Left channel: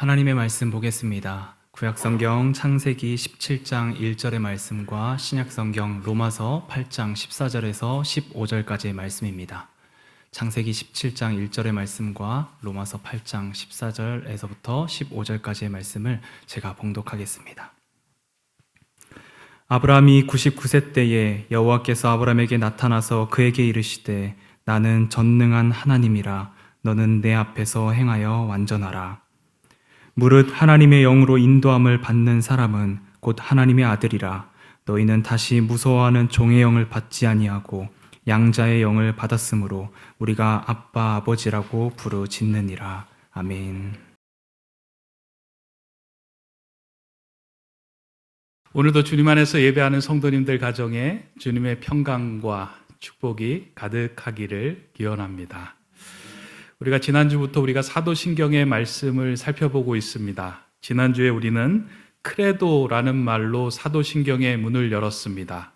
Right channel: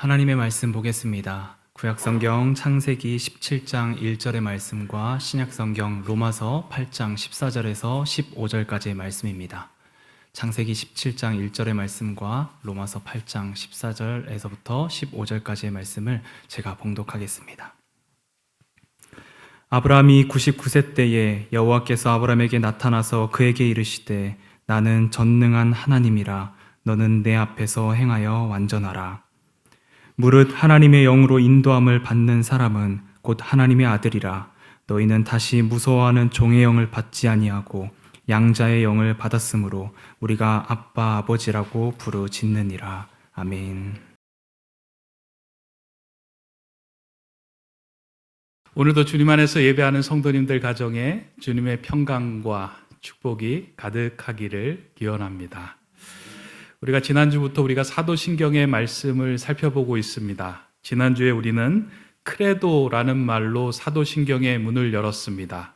하나님의 말씀 보겠습니다. 구약성경 창세기 17장 1절의 말씀과 신약성경 로마서 8장 14절에서 15절까지의 말씀입니다. 창세기 17장 1절의 말씀과 로마서 8장 14절에서부터 15절까지의 말씀을 제가 봉독하겠습니다. 아브라함이 99세 때에 여호와께서 아브라함에게 나타나서 그에게 이르시되 나는 전능한 하나님이라 너는 내 앞에서 행하여 완전하라. 무릇 하나님의 영으로 인도함을 받는 사람은 곧 하나님의 아들이라. 너희는 다시 무서워하는 종의 영을 받지 아니하고 양자의 영을 받았으므로 우리가 아빠 아버지라고 부르짖느니라. 아멘. 오늘도 주님 안에서 예배하는 성도님들 가정에 주님의 평강과 축복이 가득하기를 기원합니다. 우리가 지난주부터 우리가 사도신경의 말씀을 살펴보고 있습니다. 지난주에 우리는 크레도라는 말로 사도신경의 문을 열었습니다.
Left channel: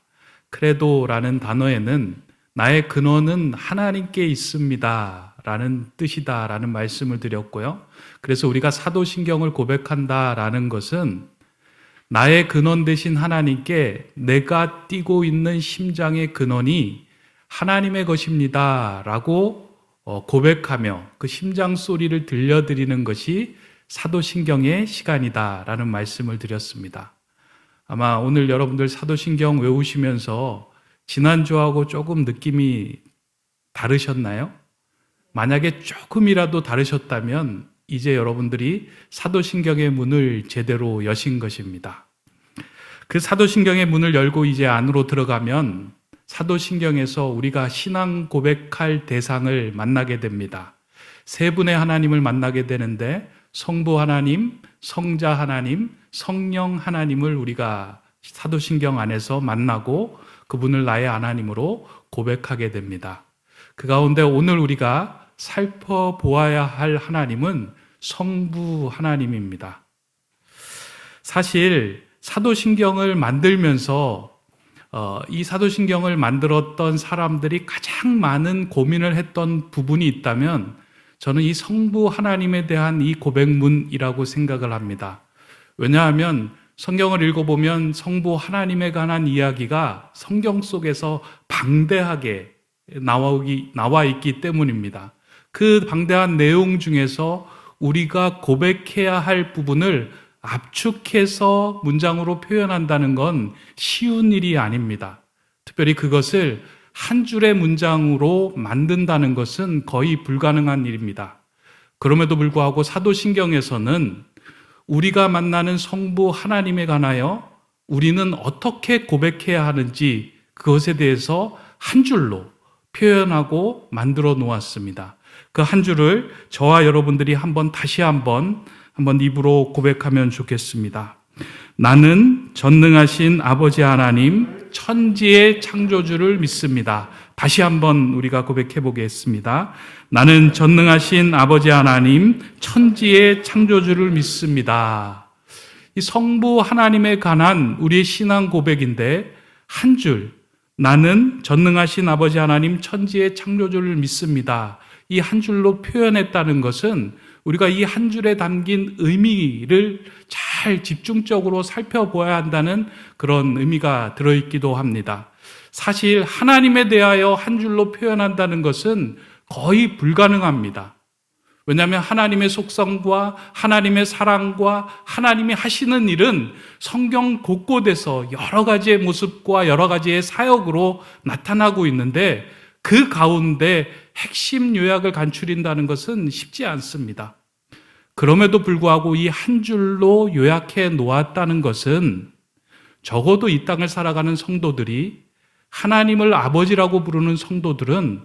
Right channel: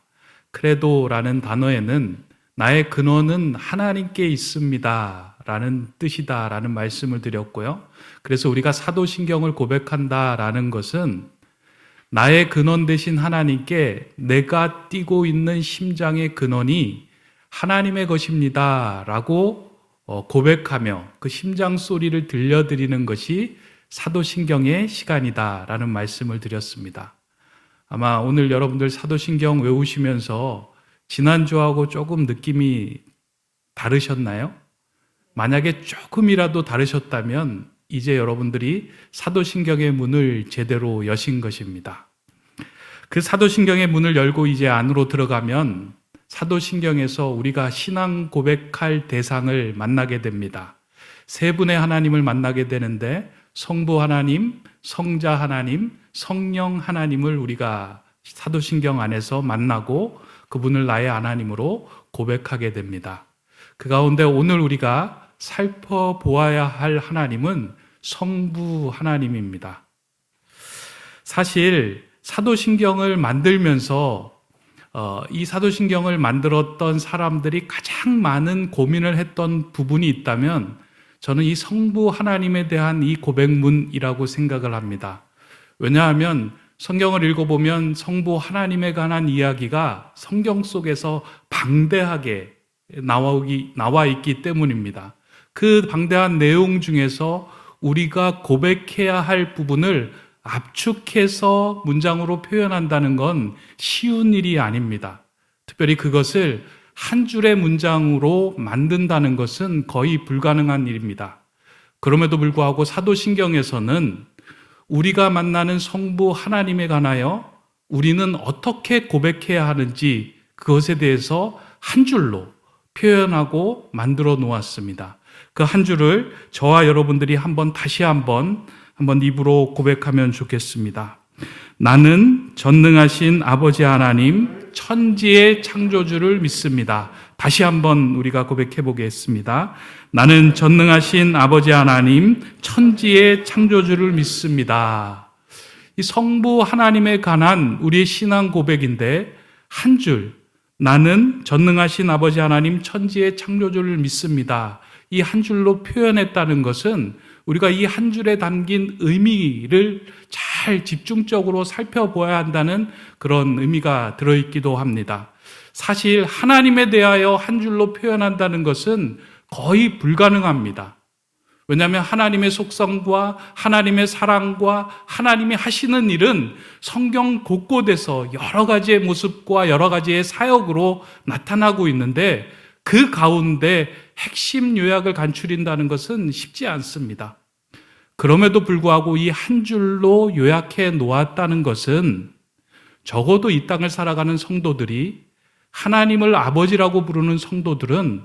크레도라는 단어에는 나의 근원은 하나님께 있습니다 라는 뜻이다 라는 말씀을 드렸고요. 그래서 우리가 사도신경을 고백한다 라는 것은 나의 근원 되신 하나님께 내가 띄고 있는 심장의 근원이 하나님의 것입니다 라고 고백하며 그 심장 소리를 들려드리는 것이 사도신경의 시간이다 라는 말씀을 드렸습니다. 아마 오늘 여러분들 사도신경 외우시면서 지난주하고 조금 느낌이 다르셨나요? 만약에 조금이라도 다르셨다면 이제 여러분들이 사도신경의 문을 제대로 여신 것입니다. 그 사도신경의 문을 열고 이제 안으로 들어가면 사도신경에서 우리가 신앙 고백할 대상을 만나게 됩니다. 세 분의 하나님을 만나게 되는데 성부 하나님, 성자 하나님, 성령 하나님을 우리가 사도신경 안에서 만나고 그분을 나의 하나님으로 고백하게 됩니다. 그 가운데 오늘 우리가 살펴보아야 할 하나님은 성부 하나님입니다. 사실 사도신경을 만들면서 이 사도신경을 만들었던 사람들이 가장 많은 고민을 했던 부분이 있다면 저는 이 성부 하나님에 대한 이 고백문이라고 생각을 합니다. 왜냐하면 성경을 읽어보면 성부 하나님에 관한 이야기가 성경 속에서 방대하게 나와 있기 때문입니다. 그 방대한 내용 중에서 우리가 고백해야 할 부분을 압축해서 문장으로 표현한다는 건 쉬운 일이 아닙니다. 특별히 그것을 한 줄의 문장으로 만든다는 것은 거의 불가능한 일입니다. 그럼에도 불구하고 사도신경에서는 우리가 만나는 성부 하나님에 관하여 우리는 어떻게 고백해야 하는지 그것에 대해서 한 줄로 표현하고 만들어 놓았습니다. 그 한 줄을 저와 여러분들이 다시 한번 입으로 고백하면 좋겠습니다. 나는 전능하신 아버지 하나님, 천지의 창조주를 믿습니다. 다시 한번 우리가 고백해 보겠습니다. 나는 전능하신 아버지 하나님, 천지의 창조주를 믿습니다. 이 성부 하나님에 관한 우리의 신앙 고백인데 한 줄, 나는 전능하신 아버지 하나님, 천지의 창조주를 믿습니다. 이 한 줄로 표현했다는 것은 우리가 이 한 줄에 담긴 의미를 잘 집중적으로 살펴보아야 한다는 그런 의미가 들어있기도 합니다. 사실 하나님에 대하여 한 줄로 표현한다는 것은 거의 불가능합니다. 왜냐하면 하나님의 속성과 하나님의 사랑과 하나님이 하시는 일은 성경 곳곳에서 여러 가지의 모습과 여러 가지의 사역으로 나타나고 있는데 그 가운데 핵심 요약을 간추린다는 것은 쉽지 않습니다. 그럼에도 불구하고 이 한 줄로 요약해 놓았다는 것은 적어도 이 땅을 살아가는 성도들이 하나님을 아버지라고 부르는 성도들은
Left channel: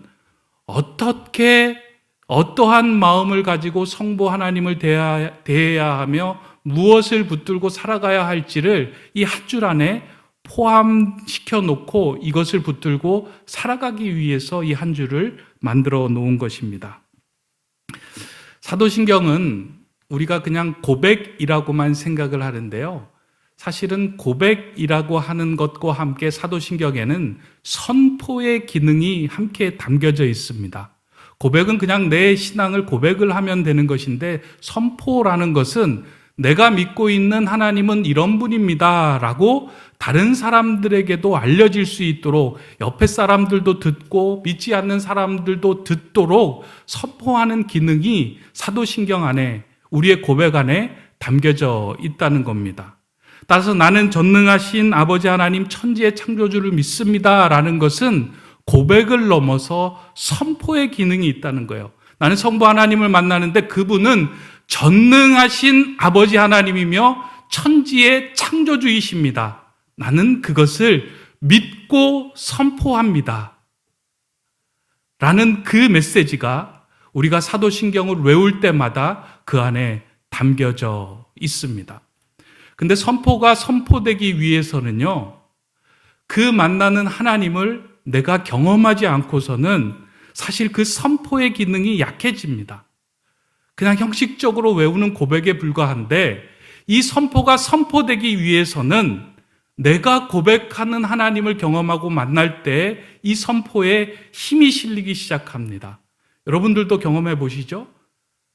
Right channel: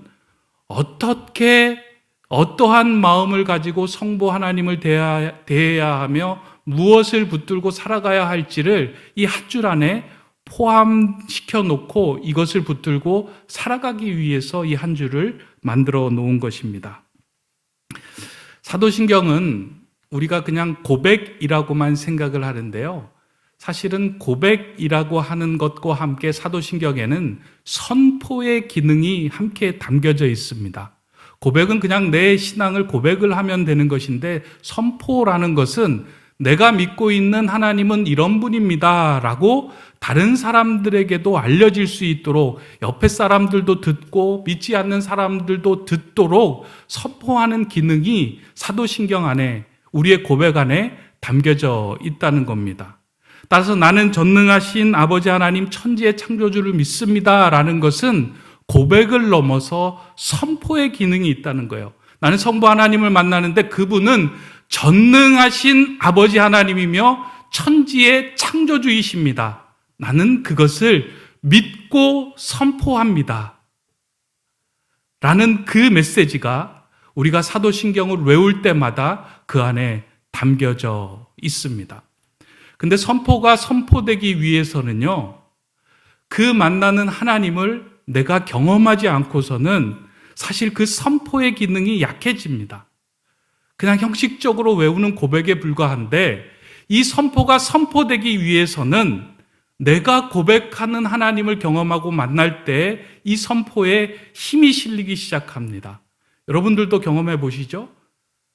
어떠한 마음을 가지고 성부 하나님을 대해야 하며 무엇을 붙들고 살아가야 할지를 이 한 줄 안에 포함시켜 놓고 이것을 붙들고 살아가기 위해서 이 한 줄을 만들어 놓은 것입니다. 사도신경은 우리가 그냥 고백이라고만 생각을 하는데요. 사실은 고백이라고 하는 것과 함께 사도신경에는 선포의 기능이 함께 담겨져 있습니다. 고백은 그냥 내 신앙을 고백을 하면 되는 것인데, 선포라는 것은 내가 믿고 있는 하나님은 이런 분입니다 라고 다른 사람들에게도 알려질 수 있도록, 옆에 사람들도 듣고 믿지 않는 사람들도 듣도록 선포하는 기능이 사도신경 안에, 우리의 고백 안에 담겨져 있다는 겁니다. 따라서 나는 전능하신 아버지 하나님 천지의 창조주를 믿습니다 라는 것은 고백을 넘어서 선포의 기능이 있다는 거예요. 나는 성부 하나님을 만나는데 그분은 전능하신 아버지 하나님이며 천지의 창조주이십니다. 나는 그것을 믿고 선포합니다. 라는 그 메시지가 우리가 사도신경을 외울 때마다 그 안에 담겨져 있습니다. 근데 선포가 선포되기 위해서는요, 그 만나는 하나님을 내가 경험하지 않고서는 사실 그 선포의 기능이 약해집니다. 그냥 형식적으로 외우는 고백에 불과한데, 이 선포가 선포되기 위해서는 내가 고백하는 하나님을 경험하고 만날 때 이 선포에 힘이 실리기 시작합니다. 여러분들도 경험해 보시죠?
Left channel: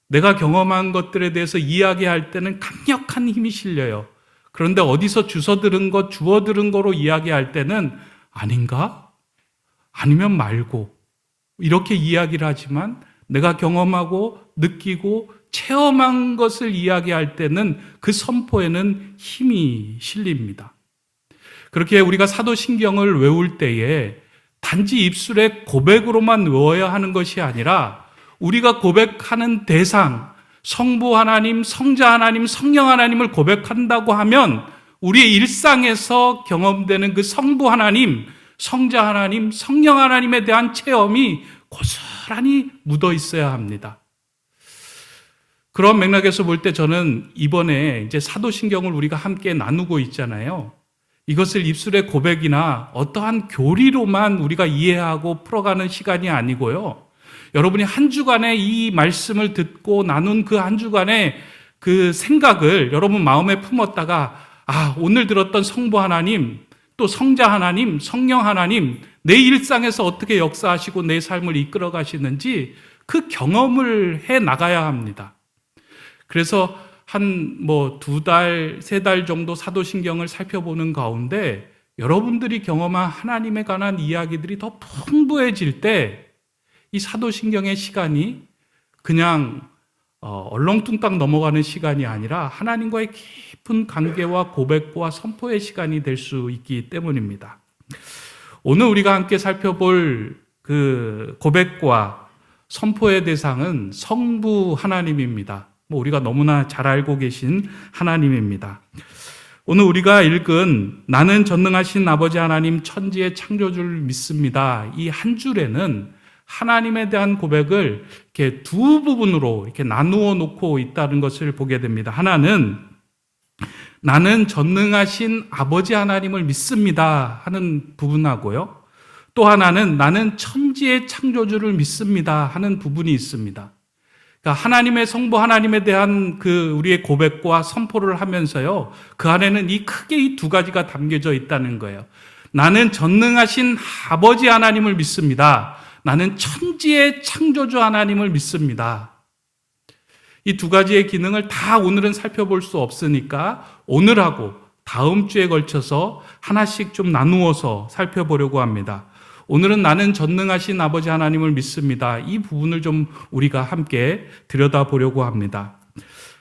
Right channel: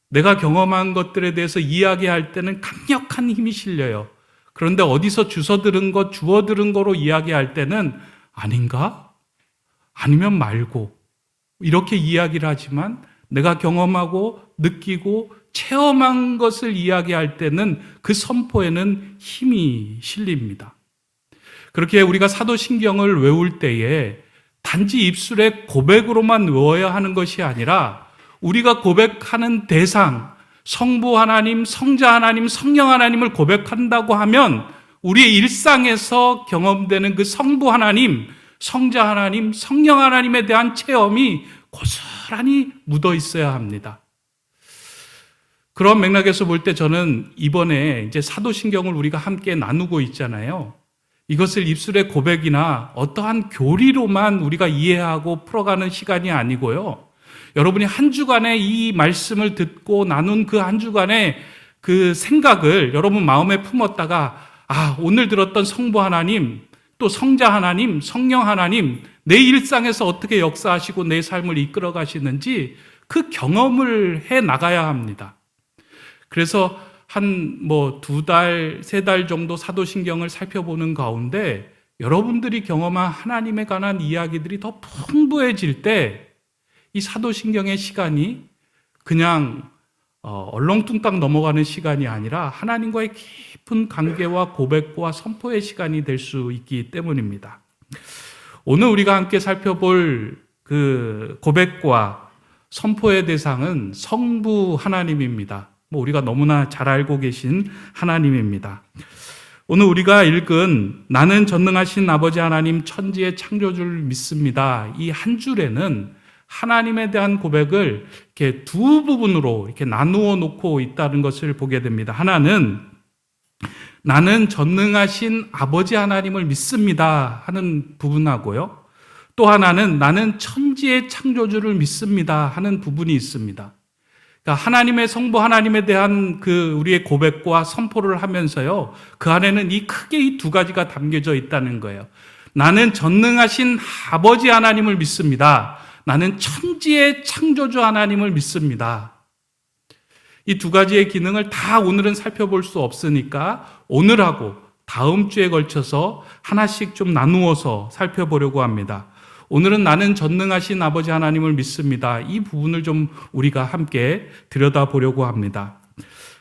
내가 경험한 것들에 대해서 이야기할 때는 강력한 힘이 실려요. 그런데 어디서 주워 들은 거로 이야기할 때는 아닌가? 아니면 말고. 이렇게 이야기를 하지만 내가 경험하고 느끼고 체험한 것을 이야기할 때는 그 선포에는 힘이 실립니다. 그렇게 우리가 사도신경을 외울 때에 단지 입술의 고백으로만 외워야 하는 것이 아니라 우리가 고백하는 대상, 성부 하나님, 성자 하나님, 성령 하나님을 고백한다고 하면 우리의 일상에서 경험되는 그 성부 하나님, 성자 하나님, 성령 하나님에 대한 체험이 고스란히 묻어 있어야 합니다. 그런 맥락에서 볼 때 저는 이번에 이제 사도신경을 우리가 함께 나누고 있잖아요. 이것을 입술의 고백이나 어떠한 교리로만 우리가 이해하고 풀어가는 시간이 아니고요. 여러분이 한 주간에 이 말씀을 듣고 나눈 그 한 주간의 그 생각을 여러분 마음에 품었다가, 오늘 들었던 성부 하나님, 또 성자 하나님, 성령 하나님, 내 일상에서 어떻게 역사하시고 내 삶을 이끌어 가시는지 그 경험을 해 나가야 합니다. 그래서 한 2달, 3달 정도 사도신경을 살펴보는 가운데 여러분들이 경험한 하나님에 관한 이야기들이 더 풍부해질 때 이 사도신경의 시간이 그냥 얼렁뚱땅 넘어가는 시간이 아니라 하나님과의 깊은 관계와 고백과 선포의 시간이 될 수 있기 때문입니다. 오늘 우리가 함께 살펴볼 그 고백과 선포의 대상은 성부 하나님입니다. 우리가 너무나 잘 알고 계신 하나님입니다. 오늘 우리가 읽은 나는 전능하신 아버지 하나님 천지의 창조주를 믿습니다. 이 한 줄에는 하나님에 대한 고백을 이렇게 두 부분으로 이렇게 나누어 놓고 있다는 것을 보게 됩니다. 하나는 나는 전능하신 아버지 하나님을 믿습니다 하는 부분하고요. 또 하나는 나는 천지의 창조주를 믿습니다 하는 부분이 있습니다. 그러니까 하나님의 성부 하나님에 대한 그 우리의 고백과 선포를 하면서요, 그 안에는 크게 이 두 가지가 담겨져 있다는 거예요. 나는 전능하신 아버지 하나님을 믿습니다. 나는 천지의 창조주 하나님을 믿습니다. 이 두 가지의 기능을 다 오늘은 살펴볼 수 없으니까 오늘하고 다음 주에 걸쳐서 하나씩 좀 나누어서 살펴보려고 합니다. 오늘은 나는 전능하신 아버지 하나님을 믿습니다. 이 부분을 좀 우리가 함께 들여다보려고 합니다.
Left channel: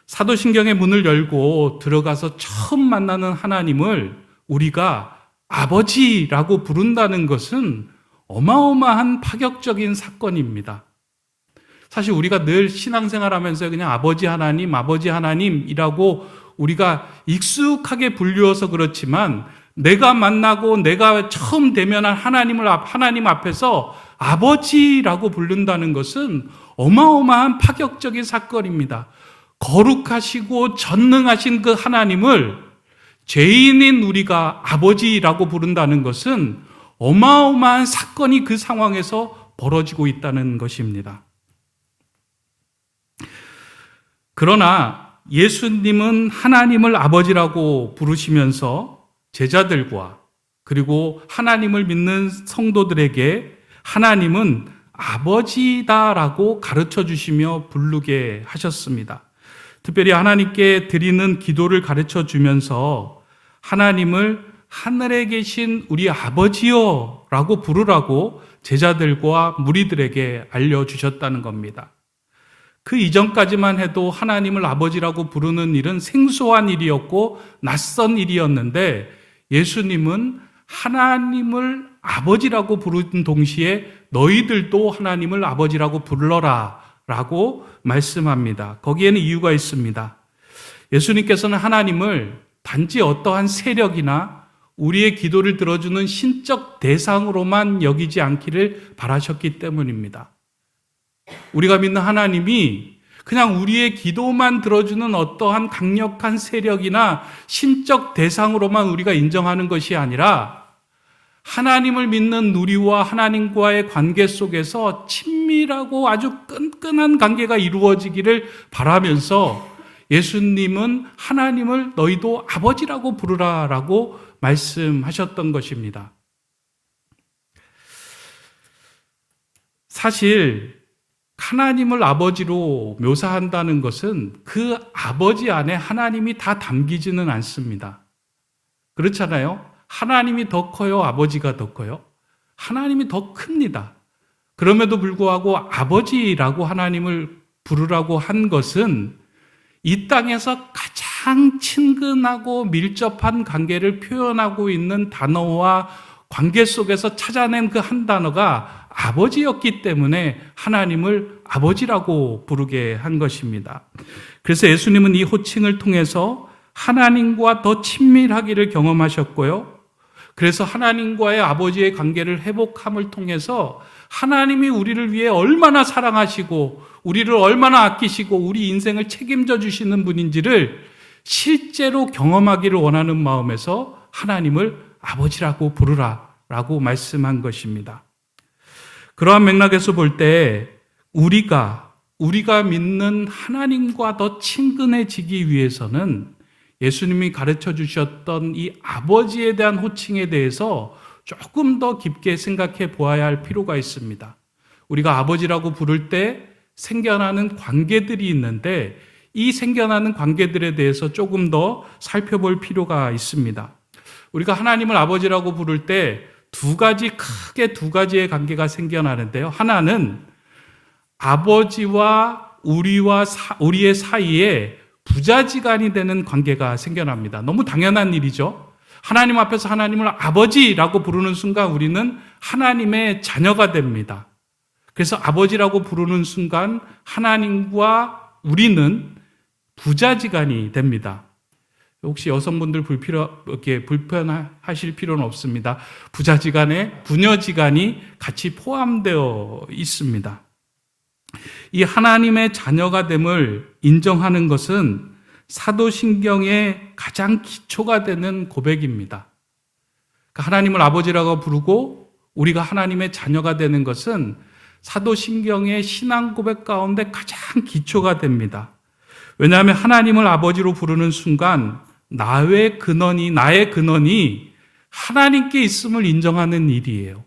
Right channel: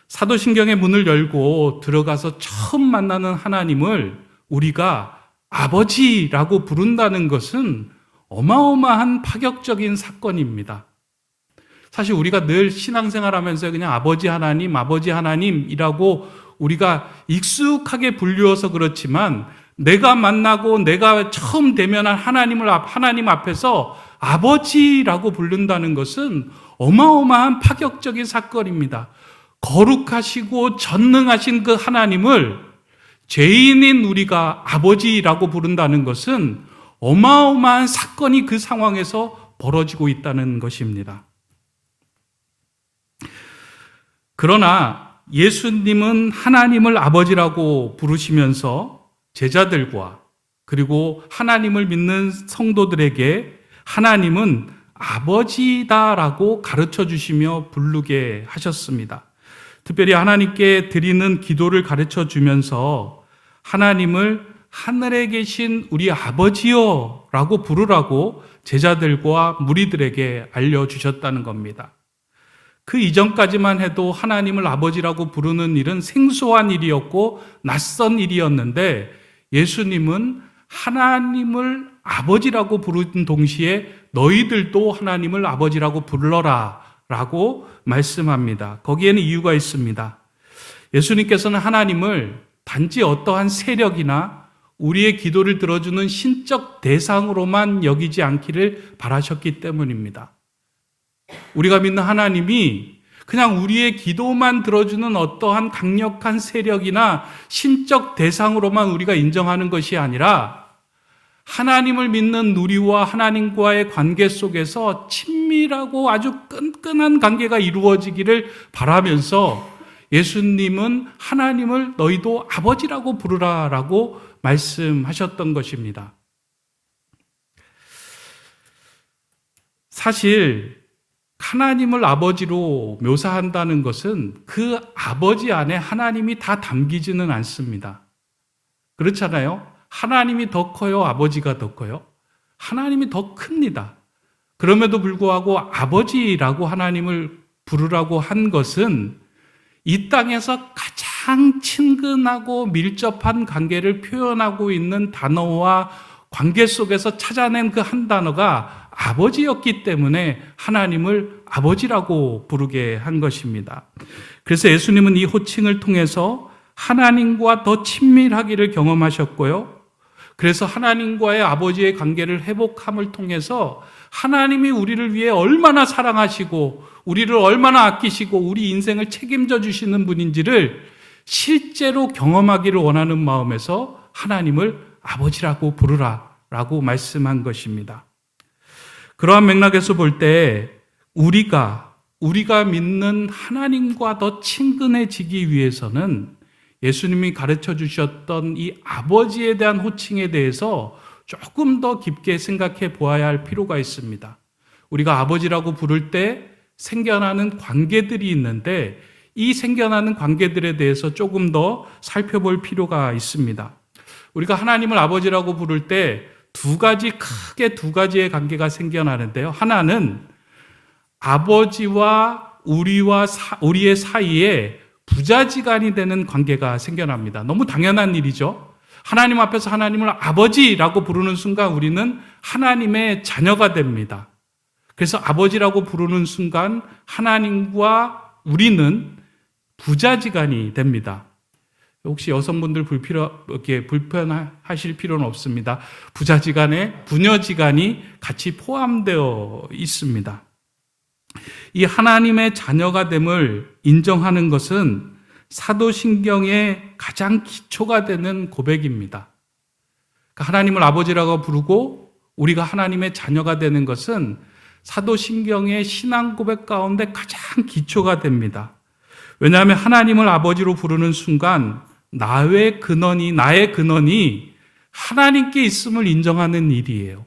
사도신경의 문을 열고 들어가서 처음 만나는 하나님을 우리가 아버지라고 부른다는 것은 어마어마한 파격적인 사건입니다. 사실 우리가 늘 신앙생활하면서 그냥 아버지 하나님이라고 우리가 익숙하게 불리워서 그렇지만 내가 만나고 내가 처음 대면한 하나님 앞에서 아버지라고 부른다는 것은 어마어마한 파격적인 사건입니다. 거룩하시고 전능하신 그 하나님을 죄인인 우리가 아버지라고 부른다는 것은 어마어마한 사건이 그 상황에서 벌어지고 있다는 것입니다. 그러나 예수님은 하나님을 아버지라고 부르시면서 제자들과 그리고 하나님을 믿는 성도들에게 하나님은 아버지다라고 가르쳐 주시며 부르게 하셨습니다. 특별히 하나님께 드리는 기도를 가르쳐 주면서 하나님을 하늘에 계신 우리 아버지요 라고 부르라고 제자들과 무리들에게 알려주셨다는 겁니다. 그 이전까지만 해도 하나님을 아버지라고 부르는 일은 생소한 일이었고 낯선 일이었는데 예수님은 하나님을 아버지라고 부르는 동시에 너희들도 하나님을 아버지라고 불러라 라고 말씀합니다. 거기에는 이유가 있습니다. 예수님께서는 하나님을 단지 어떠한 세력이나 우리의 기도를 들어주는 신적 대상으로만 여기지 않기를 바라셨기 때문입니다. 우리가 믿는 하나님이 그냥 우리의 기도만 들어주는 어떠한 강력한 세력이나 신적 대상으로만 우리가 인정하는 것이 아니라 하나님을 믿는 우리와 하나님과의 관계 속에서 친밀하고 아주 끈끈한 관계가 이루어지기를 바라면서 예수님은 하나님을 너희도 아버지라고 부르라라고 말씀하셨던 것입니다. 사실 하나님을 아버지로 묘사한다는 것은 그 아버지 안에 하나님이 다 담기지는 않습니다. 그렇잖아요? 하나님이 더 커요? 아버지가 더 커요? 하나님이 더 큽니다. 그럼에도 불구하고 아버지라고 하나님을 부르라고 한 것은 이 땅에서 가장 친근하고 밀접한 관계를 표현하고 있는 단어와 관계 속에서 찾아낸 그 한 단어가 아버지였기 때문에 하나님을 아버지라고 부르게 한 것입니다. 그래서 예수님은 이 호칭을 통해서 하나님과 더 친밀하기를 경험하셨고요. 그래서 하나님과의 아버지의 관계를 회복함을 통해서 하나님이 우리를 위해 얼마나 사랑하시고 우리를 얼마나 아끼시고 우리 인생을 책임져 주시는 분인지를 실제로 경험하기를 원하는 마음에서 하나님을 아버지라고 부르라라고 말씀한 것입니다. 그러한 맥락에서 볼 때 우리가 믿는 하나님과 더 친근해지기 위해서는 예수님이 가르쳐 주셨던 이 아버지에 대한 호칭에 대해서 조금 더 깊게 생각해 보아야 할 필요가 있습니다. 우리가 아버지라고 부를 때 생겨나는 관계들이 있는데 이 생겨나는 관계들에 대해서 조금 더 살펴볼 필요가 있습니다. 우리가 하나님을 아버지라고 부를 때 크게 두 가지의 관계가 생겨나는데요. 하나는 아버지와 우리의 사이에 부자지간이 되는 관계가 생겨납니다. 너무 당연한 일이죠. 하나님 앞에서 하나님을 아버지라고 부르는 순간 우리는 하나님의 자녀가 됩니다. 그래서 아버지라고 부르는 순간 하나님과 우리는 부자지간이 됩니다. 혹시 여성분들 불편하실 필요는 없습니다. 부자지간에 부녀지간이 같이 포함되어 있습니다. 이 하나님의 자녀가 됨을 인정하는 것은 사도신경의 가장 기초가 되는 고백입니다. 하나님을 아버지라고 부르고 우리가 하나님의 자녀가 되는 것은 사도신경의 신앙 고백 가운데 가장 기초가 됩니다. 왜냐하면 하나님을 아버지로 부르는 순간 나의 근원이 하나님께 있음을 인정하는 일이에요.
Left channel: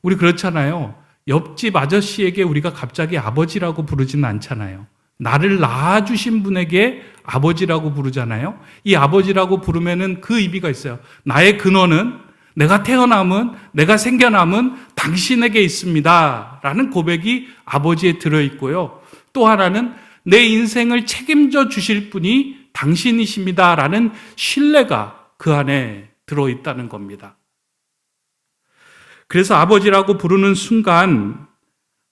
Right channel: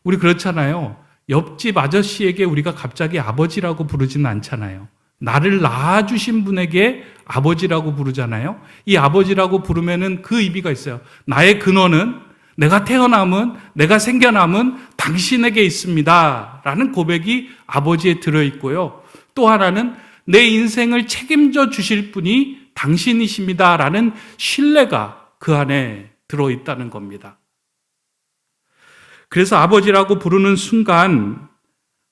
우리 그렇잖아요. 옆집 아저씨에게 우리가 갑자기 아버지라고 부르지는 않잖아요. 나를 낳아주신 분에게 아버지라고 부르잖아요. 이 아버지라고 부르면은 그 의미가 있어요. 나의 근원은 내가 태어남은, 내가 생겨남은 당신에게 있습니다. 라는 고백이 아버지에 들어있고요. 또 하나는 내 인생을 책임져 주실 분이 당신이십니다. 라는 신뢰가 그 안에 들어있다는 겁니다. 그래서 아버지라고 부르는 순간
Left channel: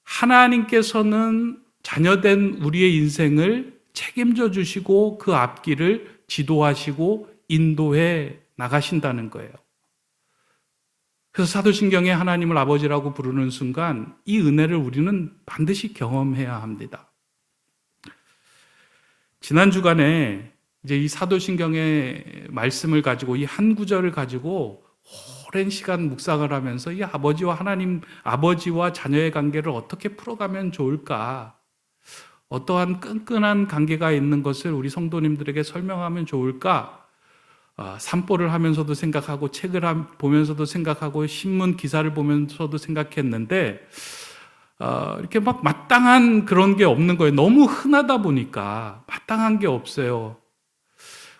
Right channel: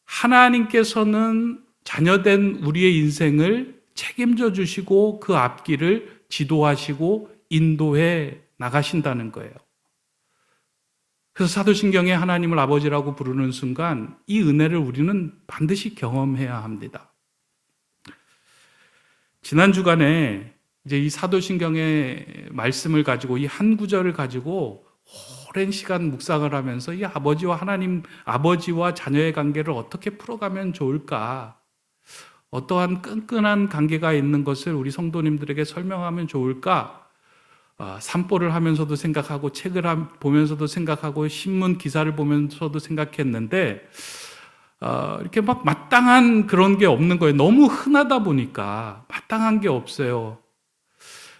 하나님께서는 자녀된 우리의 인생을 책임져 주시고 그 앞길을 지도하시고 인도해 나가신다는 거예요. 그래서 사도신경에 하나님을 아버지라고 부르는 순간 이 은혜를 우리는 반드시 경험해야 합니다. 지난 주간에 이제 이 사도신경의 말씀을 가지고 이 한 구절을 가지고 오랜 시간 묵상을 하면서 이 아버지와 자녀의 관계를 어떻게 풀어가면 좋을까? 어떠한 끈끈한 관계가 있는 것을 우리 성도님들에게 설명하면 좋을까? 산보를 하면서도 생각하고 책을 보면서도 생각하고 신문 기사를 보면서도 생각했는데 이렇게 막 마땅한 그런 게 없는 거예요. 너무 흔하다 보니까 마땅한 게 없어요.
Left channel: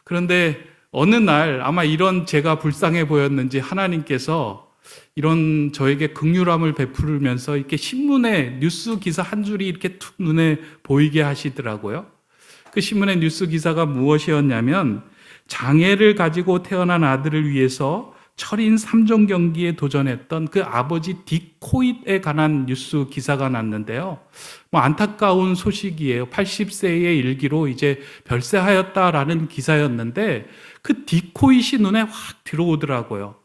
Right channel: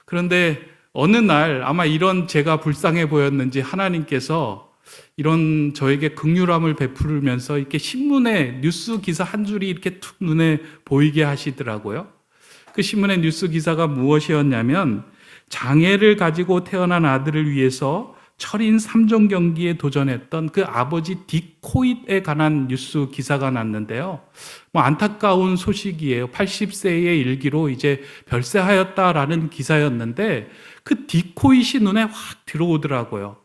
그런데 어느 날 아마 이런 제가 불쌍해 보였는지 하나님께서 이런 저에게 긍휼함을 베풀면서 이렇게 신문에 뉴스 기사 한 줄이 이렇게 툭 눈에 보이게 하시더라고요. 그 신문의 뉴스 기사가 무엇이었냐면 장애를 가지고 태어난 아들을 위해서 철인 3종 경기에 도전했던 그 아버지 디코잇에 관한 뉴스 기사가 났는데요. 안타까운 소식이에요. 80세의 일기로 이제 별세하였다라는 기사였는데 그 디코잇이 눈에 확 들어오더라고요.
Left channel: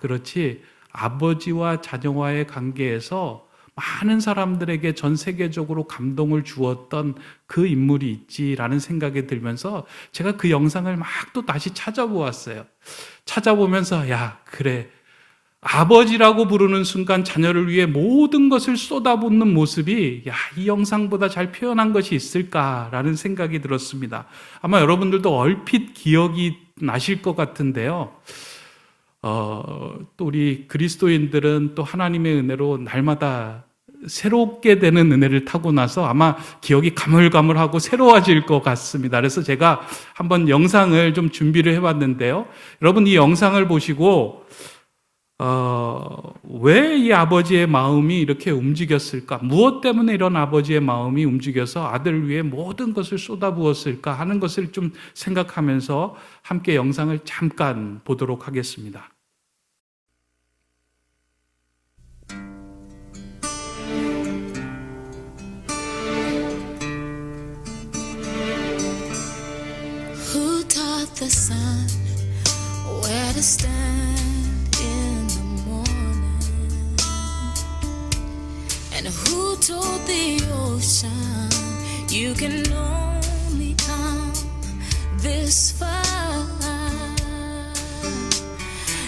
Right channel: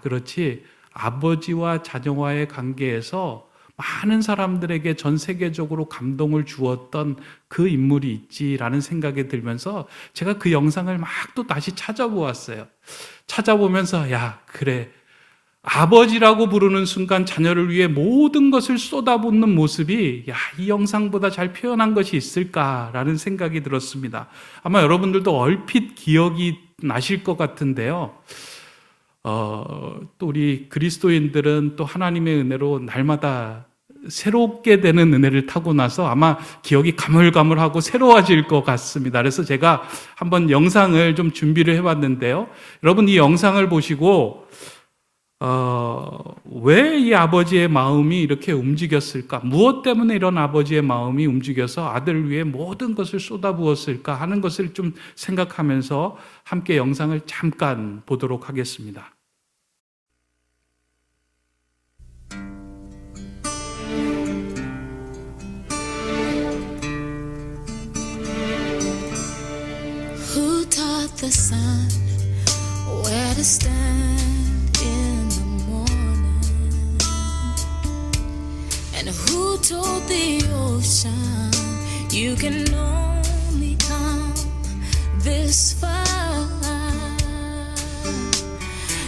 그렇지. 아버지와 자녀와의 관계에서 많은 사람들에게 전 세계적으로 감동을 주었던 그 인물이 있지라는 생각이 들면서 제가 그 영상을 막 또 다시 찾아보았어요. 찾아보면서 그래. 아버지라고 부르는 순간 자녀를 위해 모든 것을 쏟아붓는 모습이 이 영상보다 잘 표현한 것이 있을까라는 생각이 들었습니다. 아마 여러분들도 얼핏 기억이 나실 것 같은데요. 또 우리 그리스도인들은 또 하나님의 은혜로 날마다 새롭게 되는 은혜를 타고 나서 아마 기억이 가물가물하고 새로워질 것 같습니다. 그래서 제가 한번 영상을 좀 준비를 해봤는데요. 여러분 이 영상을 보시고 왜 이 아버지의 마음이 이렇게 움직였을까? 무엇 때문에 이런 아버지의 마음이 움직여서 아들을 위해 모든 것을 쏟아부었을까 하는 것을 좀 생각하면서 함께 영상을 잠깐 보도록 하겠습니다. Who taught the sun where to stand in the morning? And who told the ocean you can only come this far?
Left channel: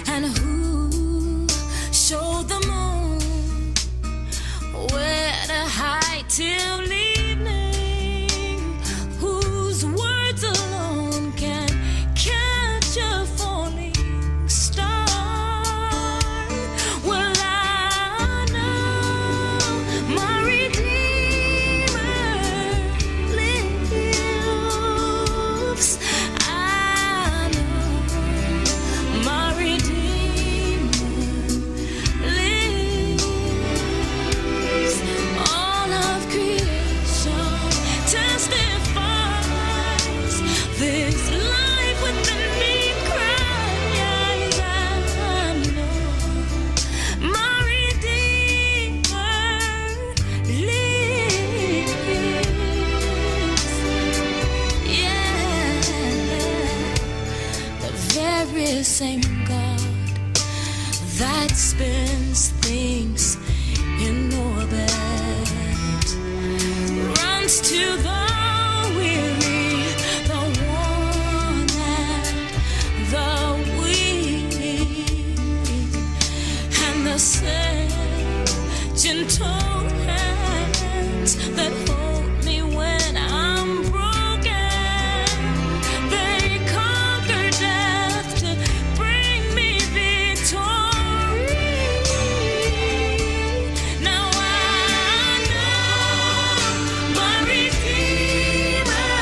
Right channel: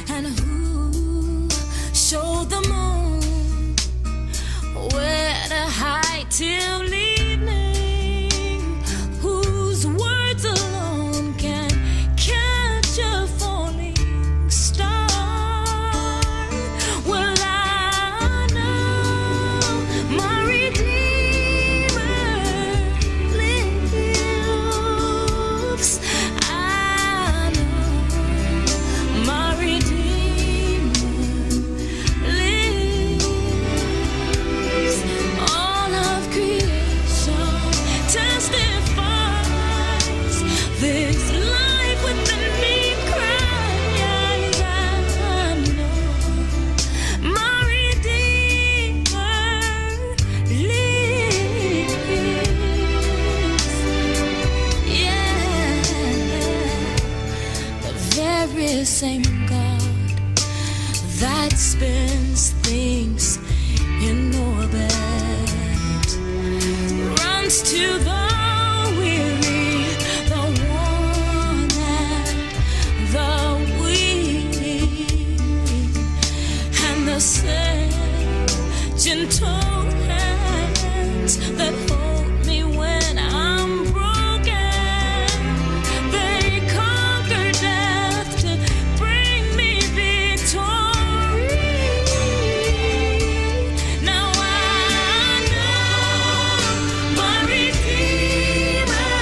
And who showed the moon where to hide till evening? Whose words alone can catch a falling star? Well, I know my Redeemer lives. I know my Redeemer lives. All of creation testifies this life within me cries. I know my Redeemer lives. Yeah, the very same God that spins things in orbit runs to the weary, the worn and the weak, and the same gentle hands that hold me when I'm broken. They conquer death to bring me victory. Now I know my Redeemer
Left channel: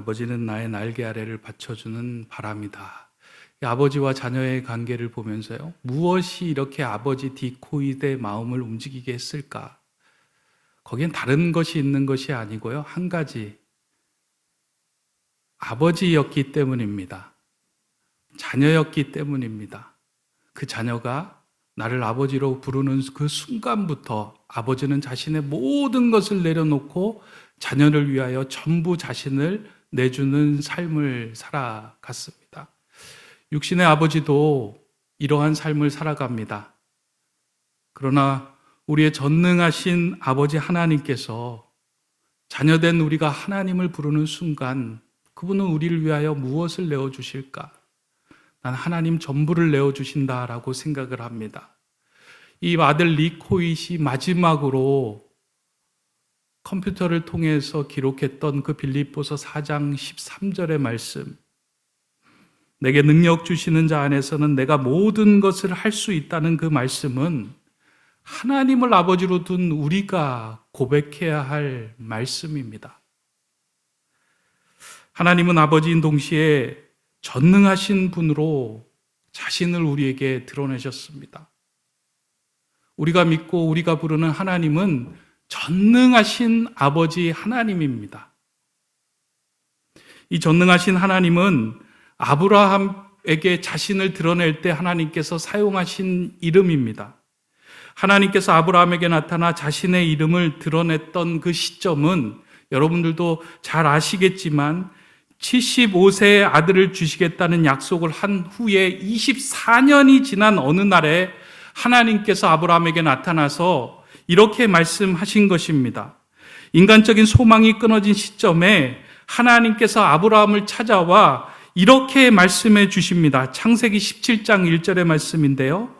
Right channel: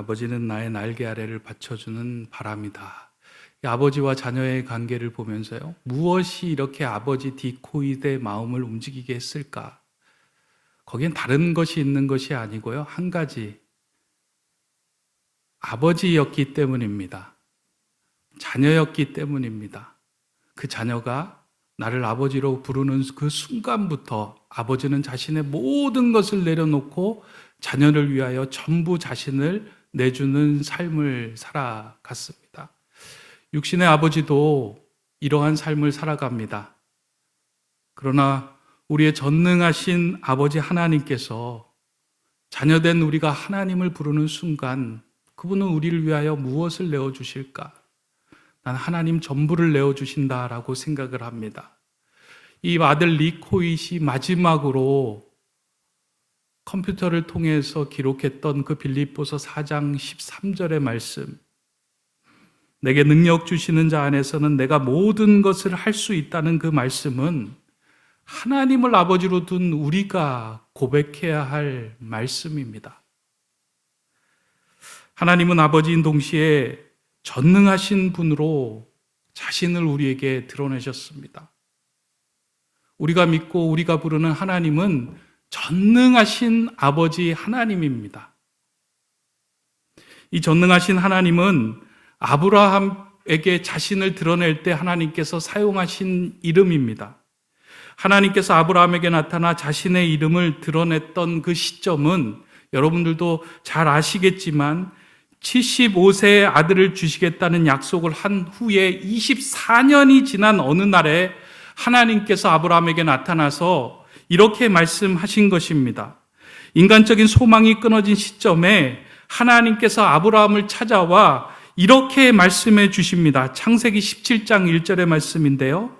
아버지는 나의 날개 아래를 받쳐주는 바람이다. 이 아버지와 자녀의 관계를 보면서요, 무엇이 이렇게 아버지 디코이드의 마음을 움직이게 했을까? 거기엔 다른 것이 있는 것이 아니고요, 한 가지, 아버지였기 때문입니다. 자녀였기 때문입니다. 그 자녀가 나를 아버지로 부르는 그 순간부터 아버지는 자신의 모든 것을 내려놓고 자녀를 위하여 전부 자신을 내주는 삶을 살아갔습니다. 육신의 아버지도 이러한 삶을 살아갑니다. 그러나 우리의 전능하신 아버지 하나님께서 자녀된 우리가 하나님을 부르는 순간 그분은 우리를 위하여 무엇을 내어주실까? 난 하나님 전부를 내어주신다라고 생각을 합니다. 이 아들 리코잇이 마지막으로 컴퓨터를 통해서 기록했던 그 빌립보서 4장 13절의 말씀, 내게 능력 주시는 자 안에서는 내가 모든 것을 할 수 있다는 그 말씀은 하나님을 아버지로 둔 우리가 고백해야 할 말씀입니다. 하나님은 아버지인 동시에 전능하신 분으로 자신을 우리에게 드러내셨습니다. 우리가 믿고 우리가 부르는 하나님은 전능하신 아버지 하나님입니다. 이 전능하신 하나님은 아브라함에게 자신을 드러낼 때 하나님께서 사용하신 이름입니다. 하나님께서 아브라함에게 나타나 자신의 이름을 드러냈던 그 시점은 여러분들도 잘 아시겠지만 75세의 아들을 주시겠다는 약속을 한 후에 24년이 지난 어느 날에 하나님께서 아브라함에게 나타나서 이렇게 말씀하신 것입니다. 인간적인 소망이 끊어진 시점에 하나님께서 아브라함을 찾아와 이렇게 말씀해 주십니다. 창세기 17장 1절의 말씀인데요.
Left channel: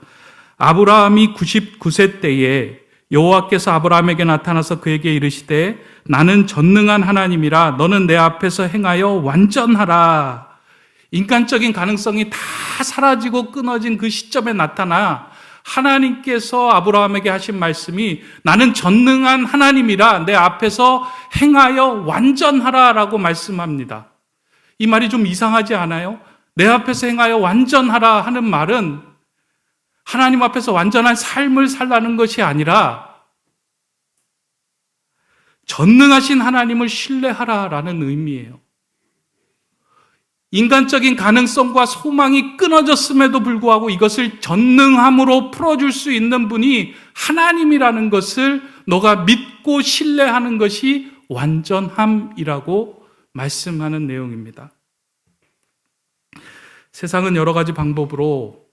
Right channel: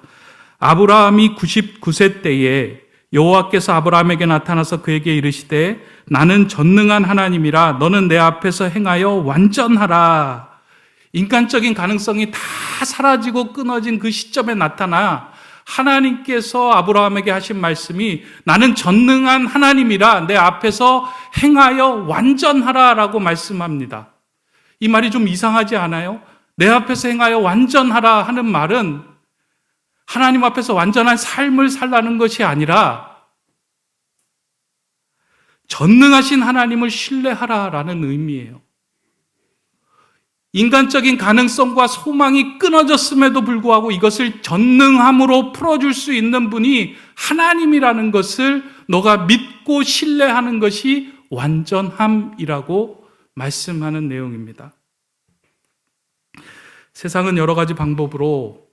아브라함이 99세 때에 여호와께서 아브라함에게 나타나서 그에게 이르시되 나는 전능한 하나님이라 너는 내 앞에서 행하여 완전하라. 인간적인 가능성이 다 사라지고 끊어진 그 시점에 나타나 하나님께서 아브라함에게 하신 말씀이 나는 전능한 하나님이라 내 앞에서 행하여 완전하라 라고 말씀합니다. 이 말이 좀 이상하지 않아요? 내 앞에서 행하여 완전하라 하는 말은 하나님 앞에서 완전한 삶을 살라는 것이 아니라 전능하신 하나님을 신뢰하라라는 의미예요. 인간적인 가능성과 소망이 끊어졌음에도 불구하고 이것을 전능함으로 풀어줄 수 있는 분이 하나님이라는 것을 너가 믿고 신뢰하는 것이 완전함이라고 말씀하는 내용입니다. 세상은 여러 가지 방법으로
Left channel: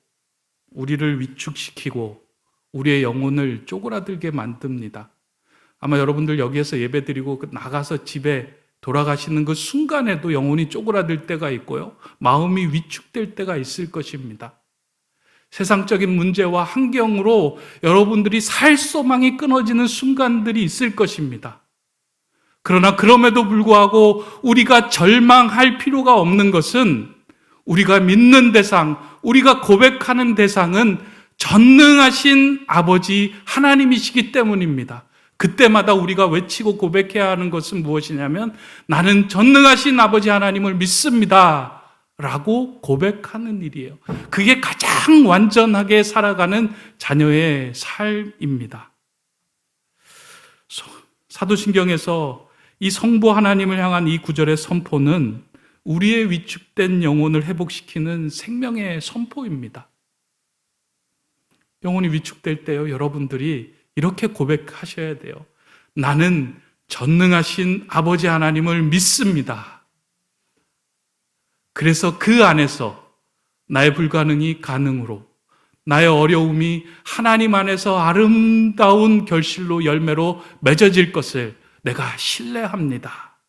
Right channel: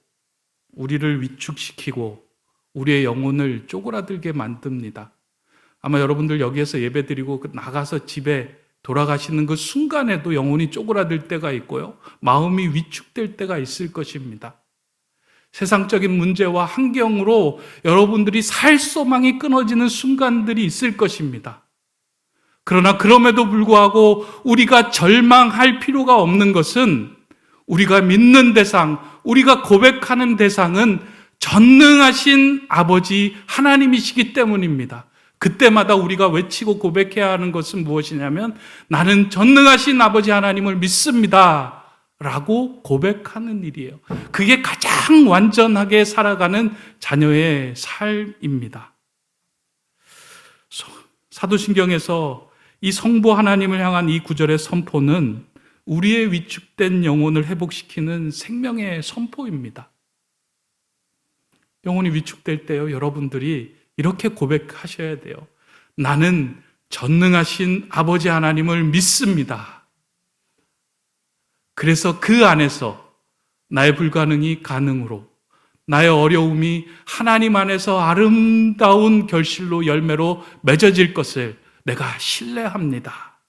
우리를 위축시키고 우리의 영혼을 쪼그라들게 만듭니다. 아마 여러분들 여기에서 예배드리고 나가서 집에 돌아가시는 그 순간에도 영혼이 쪼그라들 때가 있고요. 마음이 위축될 때가 있을 것입니다. 세상적인 문제와 환경으로 여러분들이 살 소망이 끊어지는 순간들이 있을 것입니다. 그러나 그럼에도 불구하고 우리가 절망할 필요가 없는 것은 우리가 믿는 대상, 우리가 고백하는 대상은 전능하신 아버지 하나님이시기 때문입니다. 그때마다 우리가 외치고 고백해야 하는 것은 무엇이냐면 나는 전능하신 아버지 하나님을 믿습니다 라고 고백하는 일이에요. 그게 가장 완전하게 살아가는 자녀의 삶입니다. 사도신경에서 이 성부 하나님을 향한 이 구절의 선포는 우리의 위축된 영혼을 회복시키는 생명의 선포입니다. 영혼이 위축될 때요, 여러분들이 이렇게 고백하셔야 돼요. 나는 전능하신 아버지 하나님을 믿습니다. 그래서 그 안에서 나의 불가능이 가능으로, 나의 어려움이 하나님 안에서 아름다운 결실로 열매로 맺어질 것을 내가 신뢰합니다.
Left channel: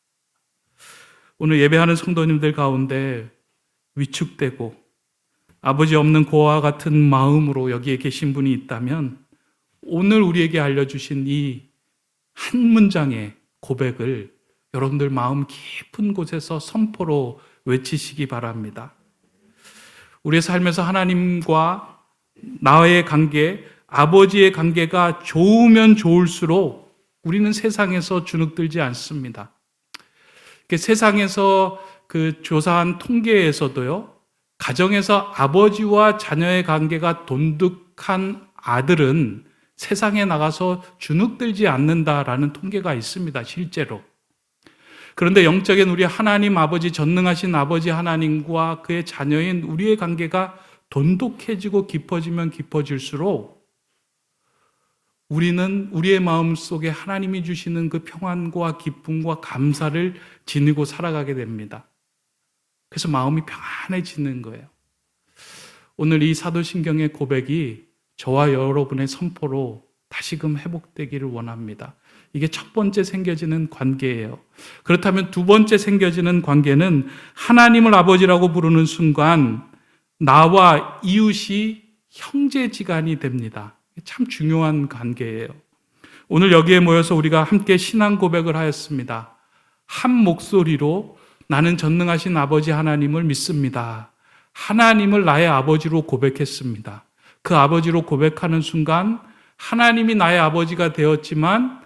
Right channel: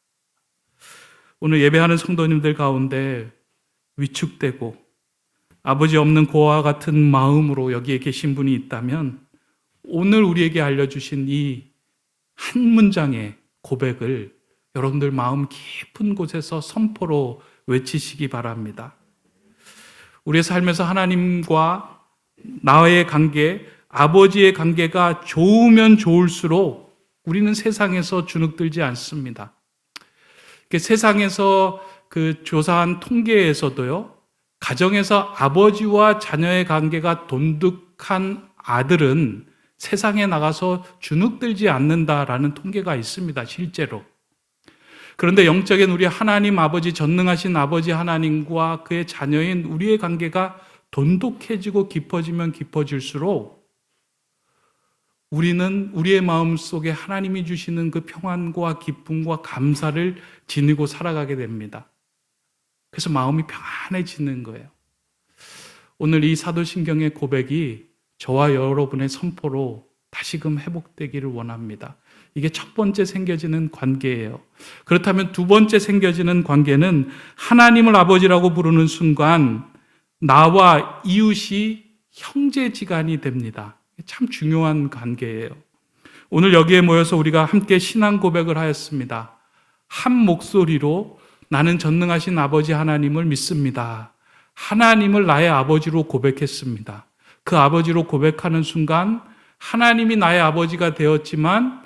오늘 예배하는 성도님들 가운데 위축되고 아버지 없는 고아와 같은 마음으로 여기에 계신 분이 있다면 오늘 우리에게 알려주신 이 한 문장의 고백을 여러분들 마음 깊은 곳에서 선포로 외치시기 바랍니다. 우리의 삶에서 하나님과 나의 관계, 아버지의 관계가 좋으면 좋을수록 우리는 세상에서 주눅들지 않습니다. 세상에서 그 조사한 통계에서도요, 가정에서 아버지와 자녀의 관계가 돈독한 아들은 세상에 나가서 주눅들지 않는다라는 통계가 있습니다, 실제로. 그런데 영적인 우리 하나님 아버지, 전능하신 아버지 하나님과 그의 자녀인 우리의 관계가 돈독해지고 깊어지면 깊어질수록 우리는 우리의 마음 속에 하나님이 주시는 그 평안과 기쁨과 감사를 지니고 살아가게 됩니다. 그래서 마음이 평안해지는 거예요. 오늘 이 사도신경의 고백이 저와 여러분의 선포로 다시금 회복되기를 원합니다. 이게 첫 번째 생겨지는 관계예요. 그렇다면 두 번째 생겨지는 관계는 하나님을 아버지라고 부르는 순간 나와 이웃이 형제지간이 됩니다. 참 중요한 관계예요. 오늘 여기에 모여서 우리가 함께 신앙 고백을 하였습니다. 한 목소리로 나는 전능하신 아버지 하나님을 믿습니다. 하나님을 나의 아버지로 고백했습니다. 그 아버지로 고백하는 순간 하나님이 나의 아버지가 되었지만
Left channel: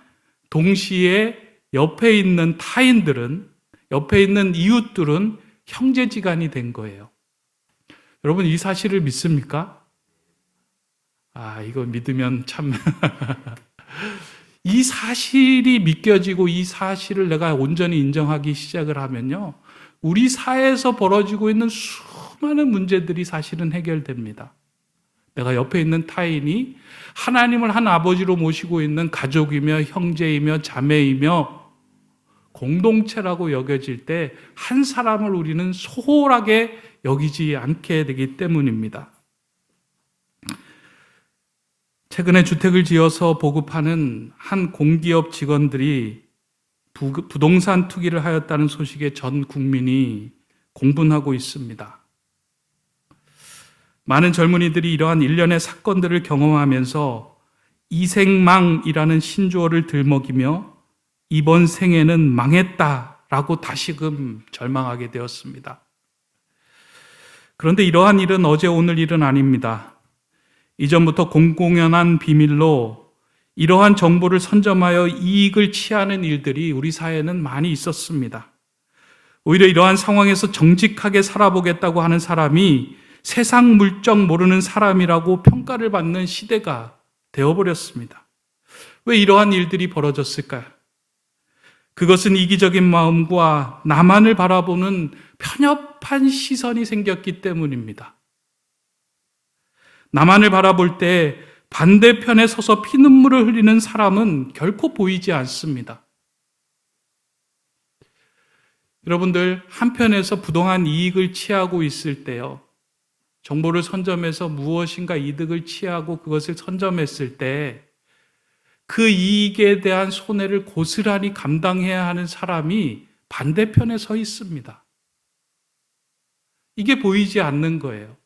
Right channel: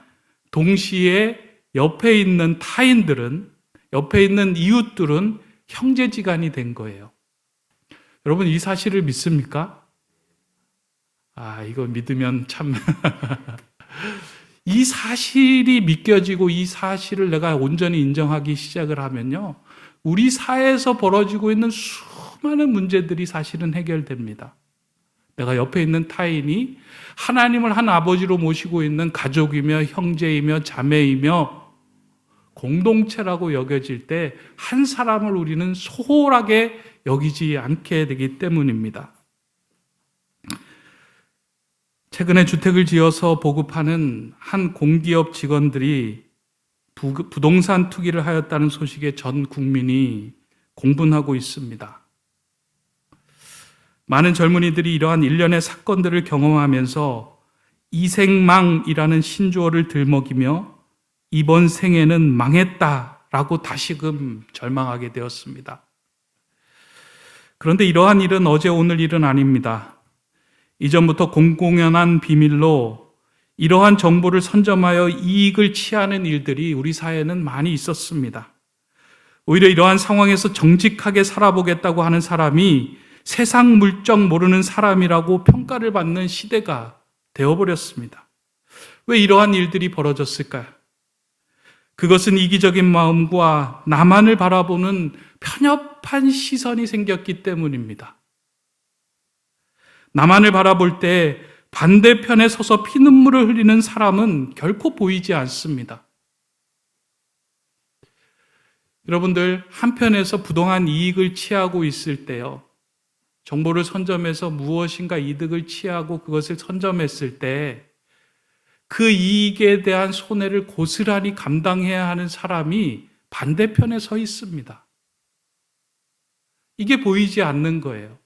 동시에 옆에 있는 타인들은, 옆에 있는 이웃들은 형제지간이 된 거예요. 여러분, 이 사실을 믿습니까? 이거 믿으면 참 이 사실이 믿겨지고 이 사실을 내가 온전히 인정하기 시작을 하면요, 우리 사회에서 벌어지고 있는 수많은 문제들이 사실은 해결됩니다. 내가 옆에 있는 타인이 하나님을 한 아버지로 모시고 있는 가족이며 형제이며 자매이며 공동체라고 여겨질 때 한 사람을 우리는 소홀하게 여기지 않게 되기 때문입니다. 최근에 주택을 지어서 보급하는 한 공기업 직원들이 부동산 투기를 하였다는 소식에 전 국민이 공분하고 있습니다. 많은 젊은이들이 이러한 일련의 사건들을 경험하면서 이생망이라는 신조어를 들먹이며 이번 생에는 망했다라고 다시금 절망하게 되었습니다. 그런데 이러한 일은 어제 오늘 일은 아닙니다. 이전부터 공공연한 비밀로 이러한 정보를 선점하여 이익을 취하는 일들이 우리 사회에는 많이 있었습니다. 오히려 이러한 상황에서 정직하게 살아보겠다고 하는 사람이 세상 물정 모르는 사람이라고 평가를 받는 시대가 되어버렸습니다. 왜 이러한 일들이 벌어졌을까요? 그것은 이기적인 마음과 나만을 바라보는 편협한 시선이 생겼기 때문입니다. 나만을 바라볼 때 반대편에 서서 피눈물을 흘리는 사람은 결코 보이지 않습니다. 여러분들, 한편에서 부동한 이익을 취하고 있을 때요, 정보를 선점해서 무엇인가 이득을 취하고 그것을 선점했을 때 그 이익에 대한 손해를 고스란히 감당해야 하는 사람이 반대편에 서 있습니다. 이게 보이지 않는 거예요.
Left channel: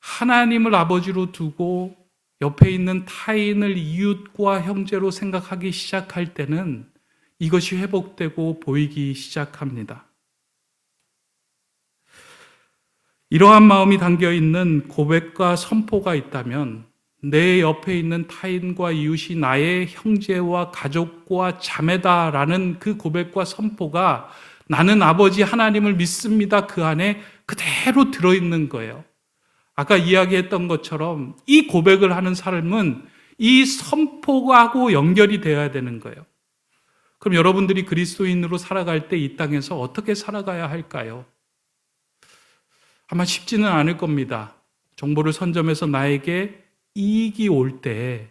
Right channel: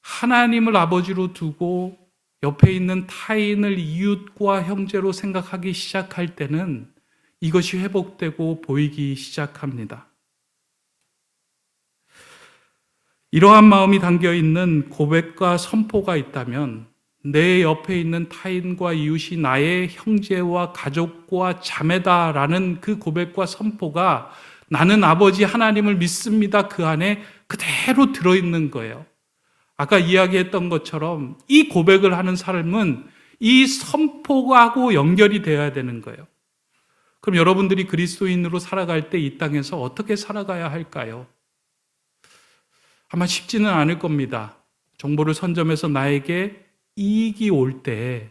하나님을 아버지로 두고 옆에 있는 타인을 이웃과 형제로 생각하기 시작할 때는 이것이 회복되고 보이기 시작합니다. 이러한 마음이 담겨있는 고백과 선포가 있다면 내 옆에 있는 타인과 이웃이 나의 형제와 가족과 자매다라는 그 고백과 선포가 나는 아버지 하나님을 믿습니다, 그 안에 그대로 들어있는 거예요. 아까 이야기했던 것처럼 이 고백을 하는 삶은 이 선포하고 연결이 되어야 되는 거예요. 그럼 여러분들이 그리스도인으로 살아갈 때 이 땅에서 어떻게 살아가야 할까요? 아마 쉽지는 않을 겁니다. 정보를 선점해서 나에게 이익이 올 때,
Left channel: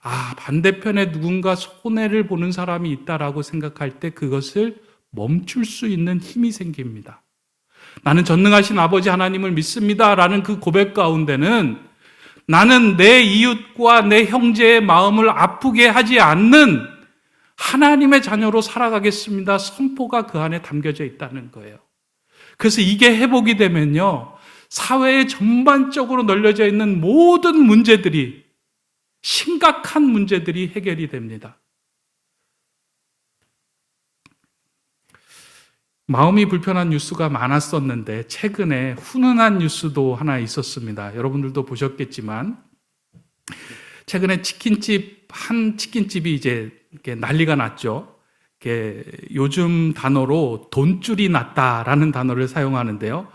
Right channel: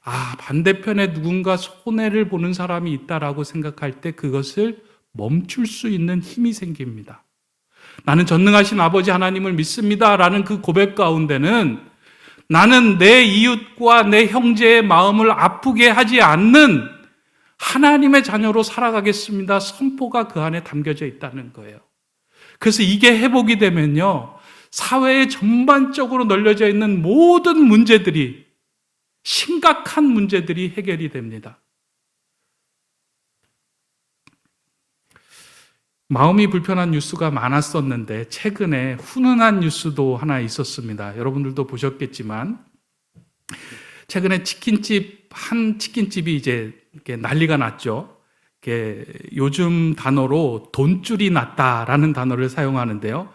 반대편에 누군가 손해를 보는 사람이 있다라고 생각할 때 그것을 멈출 수 있는 힘이 생깁니다. 나는 전능하신 아버지 하나님을 믿습니다라는 그 고백 가운데는 나는 내 이웃과 내 형제의 마음을 아프게 하지 않는 하나님의 자녀로 살아가겠습니다. 선포가 그 안에 담겨져 있다는 거예요. 그래서 이게 회복이 되면요, 사회에 전반적으로 널려져 있는 모든 문제들이, 심각한 문제들이 해결이 됩니다. 마음이 불편한 뉴스가 많았었는데 최근에 훈훈한 뉴스도 하나 있었습니다. 여러분들도 보셨겠지만 최근에 한 치킨집이 이제 이렇게 난리가 났죠. 이렇게 요즘 단어로 돈줄이 났다라는 단어를 사용하는데요.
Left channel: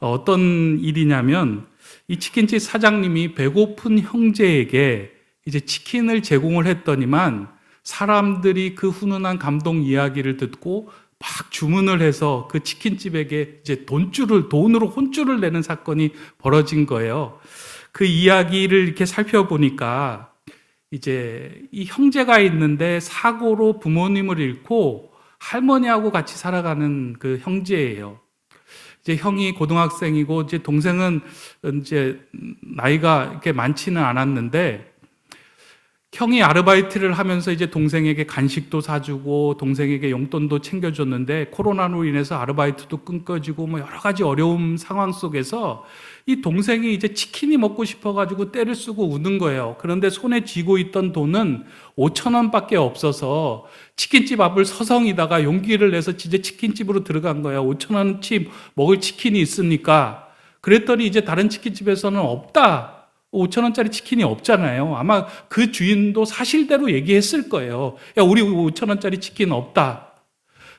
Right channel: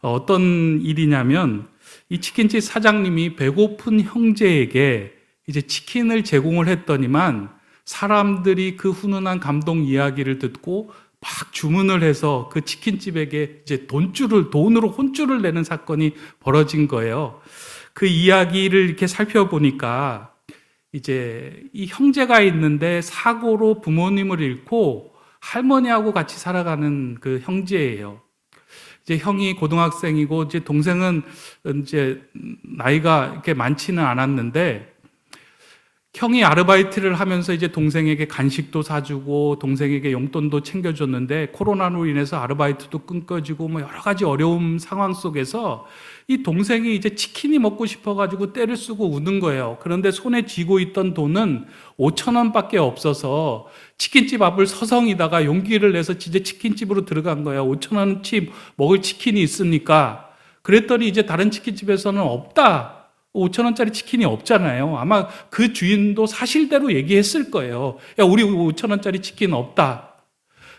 어떤 일이냐면 이 치킨집 사장님이 배고픈 형제에게 이제 치킨을 제공을 했더니만 사람들이 그 훈훈한 감동 이야기를 듣고 막 주문을 해서 그 치킨집에게 이제 돈으로 혼줄을 내는 사건이 벌어진 거예요. 그 이야기를 이렇게 살펴보니까 이제 이 형제가 있는데 사고로 부모님을 잃고 할머니하고 같이 살아가는 그 형제예요. 이제 형이 고등학생이고 이제 동생은 이제 나이가 이렇게 많지는 않았는데 형이 아르바이트를 하면서 이제 동생에게 간식도 사주고 동생에게 용돈도 챙겨줬는데 코로나로 인해서 아르바이트도 끊겨지고 뭐 여러 가지 어려운 상황 속에서 이 동생이 이제 치킨이 먹고 싶어가지고 떼를 쓰고 우는 거예요. 그런데 손에 쥐고 있던 돈은 5천 원밖에 없어서 치킨집 앞을 서성이다가 용기를 내서 진짜 치킨집으로 들어간 거예요. 5천 원치 먹을 치킨이 있습니까? 그랬더니 이제 다른 치킨집에서는 없다. 5천 원짜리 치킨이 없잖아요. 아마 그 주인도 사실대로 얘기했을 거예요. 야, 우리 5천 원짜리 치킨 없다.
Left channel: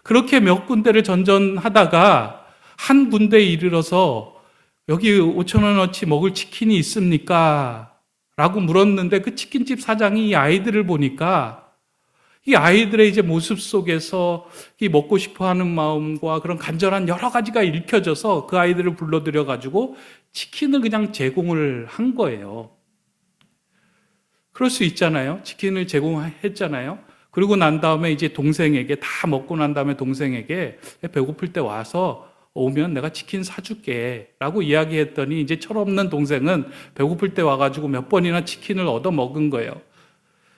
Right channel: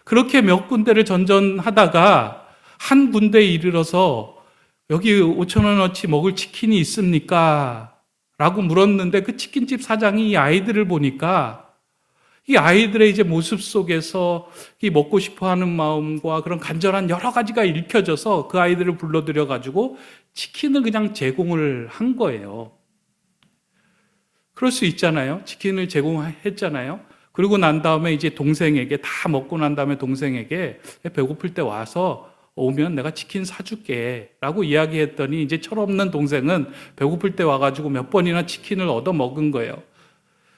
그렇게 몇 군데를 전전하다가 한 군데에 이르러서 여기 5천 원어치 먹을 치킨이 있습니까? 라고 물었는데 그 치킨집 사장이 이 아이들을 보니까 이 아이들의 이제 모습 속에서 이 먹고 싶어 하는 마음과 그런 간절한 여러 가지가 읽혀져서 그 아이들을 불러들여 가지고 치킨을 그냥 제공을 한 거예요. 그럴 수 있잖아요. 치킨을 제공했잖아요. 그리고 난 다음에 이제 동생에게 다 먹고 난 다음에 동생에게 배고플 때 와서 오면 내가 치킨 사줄게 라고 이야기했더니 이제 철없는 동생은 배고플 때 와가지고 몇 번이나 치킨을 얻어 먹은 거예요.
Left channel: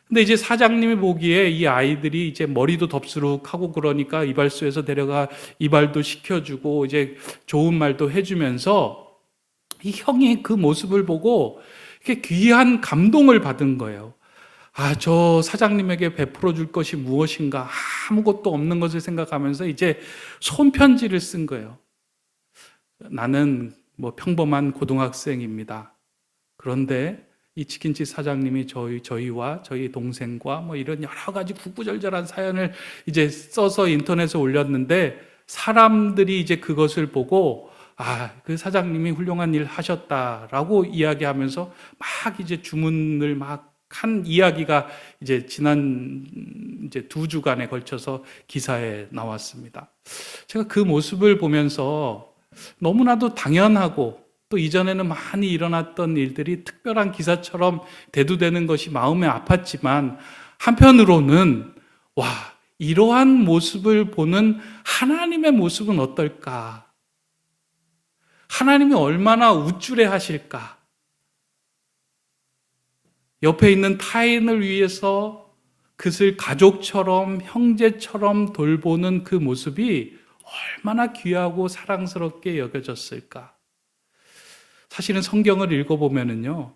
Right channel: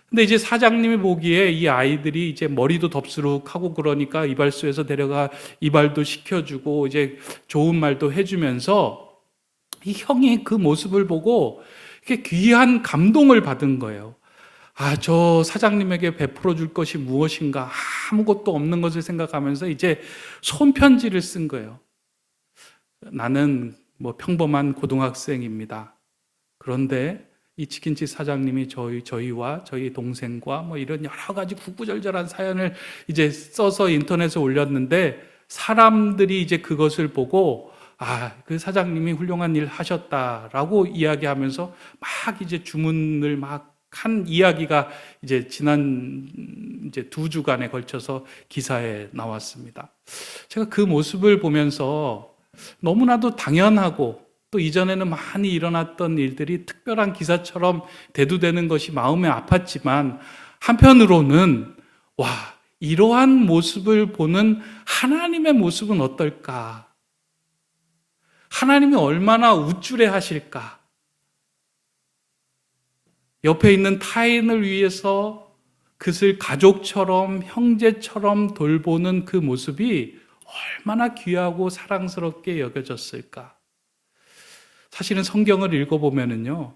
근데 이제 사장님이 보기에 이 아이들이 이제 머리도 덥수룩하고 그러니까 이발소에서 데려가 이발도 시켜주고 이제 좋은 말도 해주면서 이 형이 그 모습을 보고 이렇게 귀한 감동을 받은 거예요. 아, 저 사장님에게 베풀어 줄 것이 무엇인가 아무것도 없는 것을 생각하면서 이제 손편지를 쓴 거예요. 나는 뭐 평범한 고등학생입니다. 그런데 이 치킨집 사장님이 저희와 저희 동생과 뭐 이런 여러 가지 구구절절한 사연을 이제 써서 인터넷에 올렸는데 사람들이 이제 그것을 보고 아, 그 사장님이 훌륭한 일 하셨다라고 이야기하면서 막 이제 주문을 막 한 이야기가 이제 지난 이제 2주간에 걸쳐서 기사에 나왔습니다. 제가 그 모습을 보면서 너무나도 당연하고 또 이전에는 많이 일어났던 일들이 특별한 기사처럼 대두되는 것이 마음에 아팠지만 한편으로는 와, 이러한 모습을 보는 하나님의 모습은 어떨까? 하나님이 얼마나 우쭐해 하실까? 옆에 있는 타인을 위해서 그것을 가족처럼 형제처럼 돌보는 그 모습이 얼마나 귀하고 사랑스럽게 여겨졌을까? 사실은 성경을 읽어보면은요,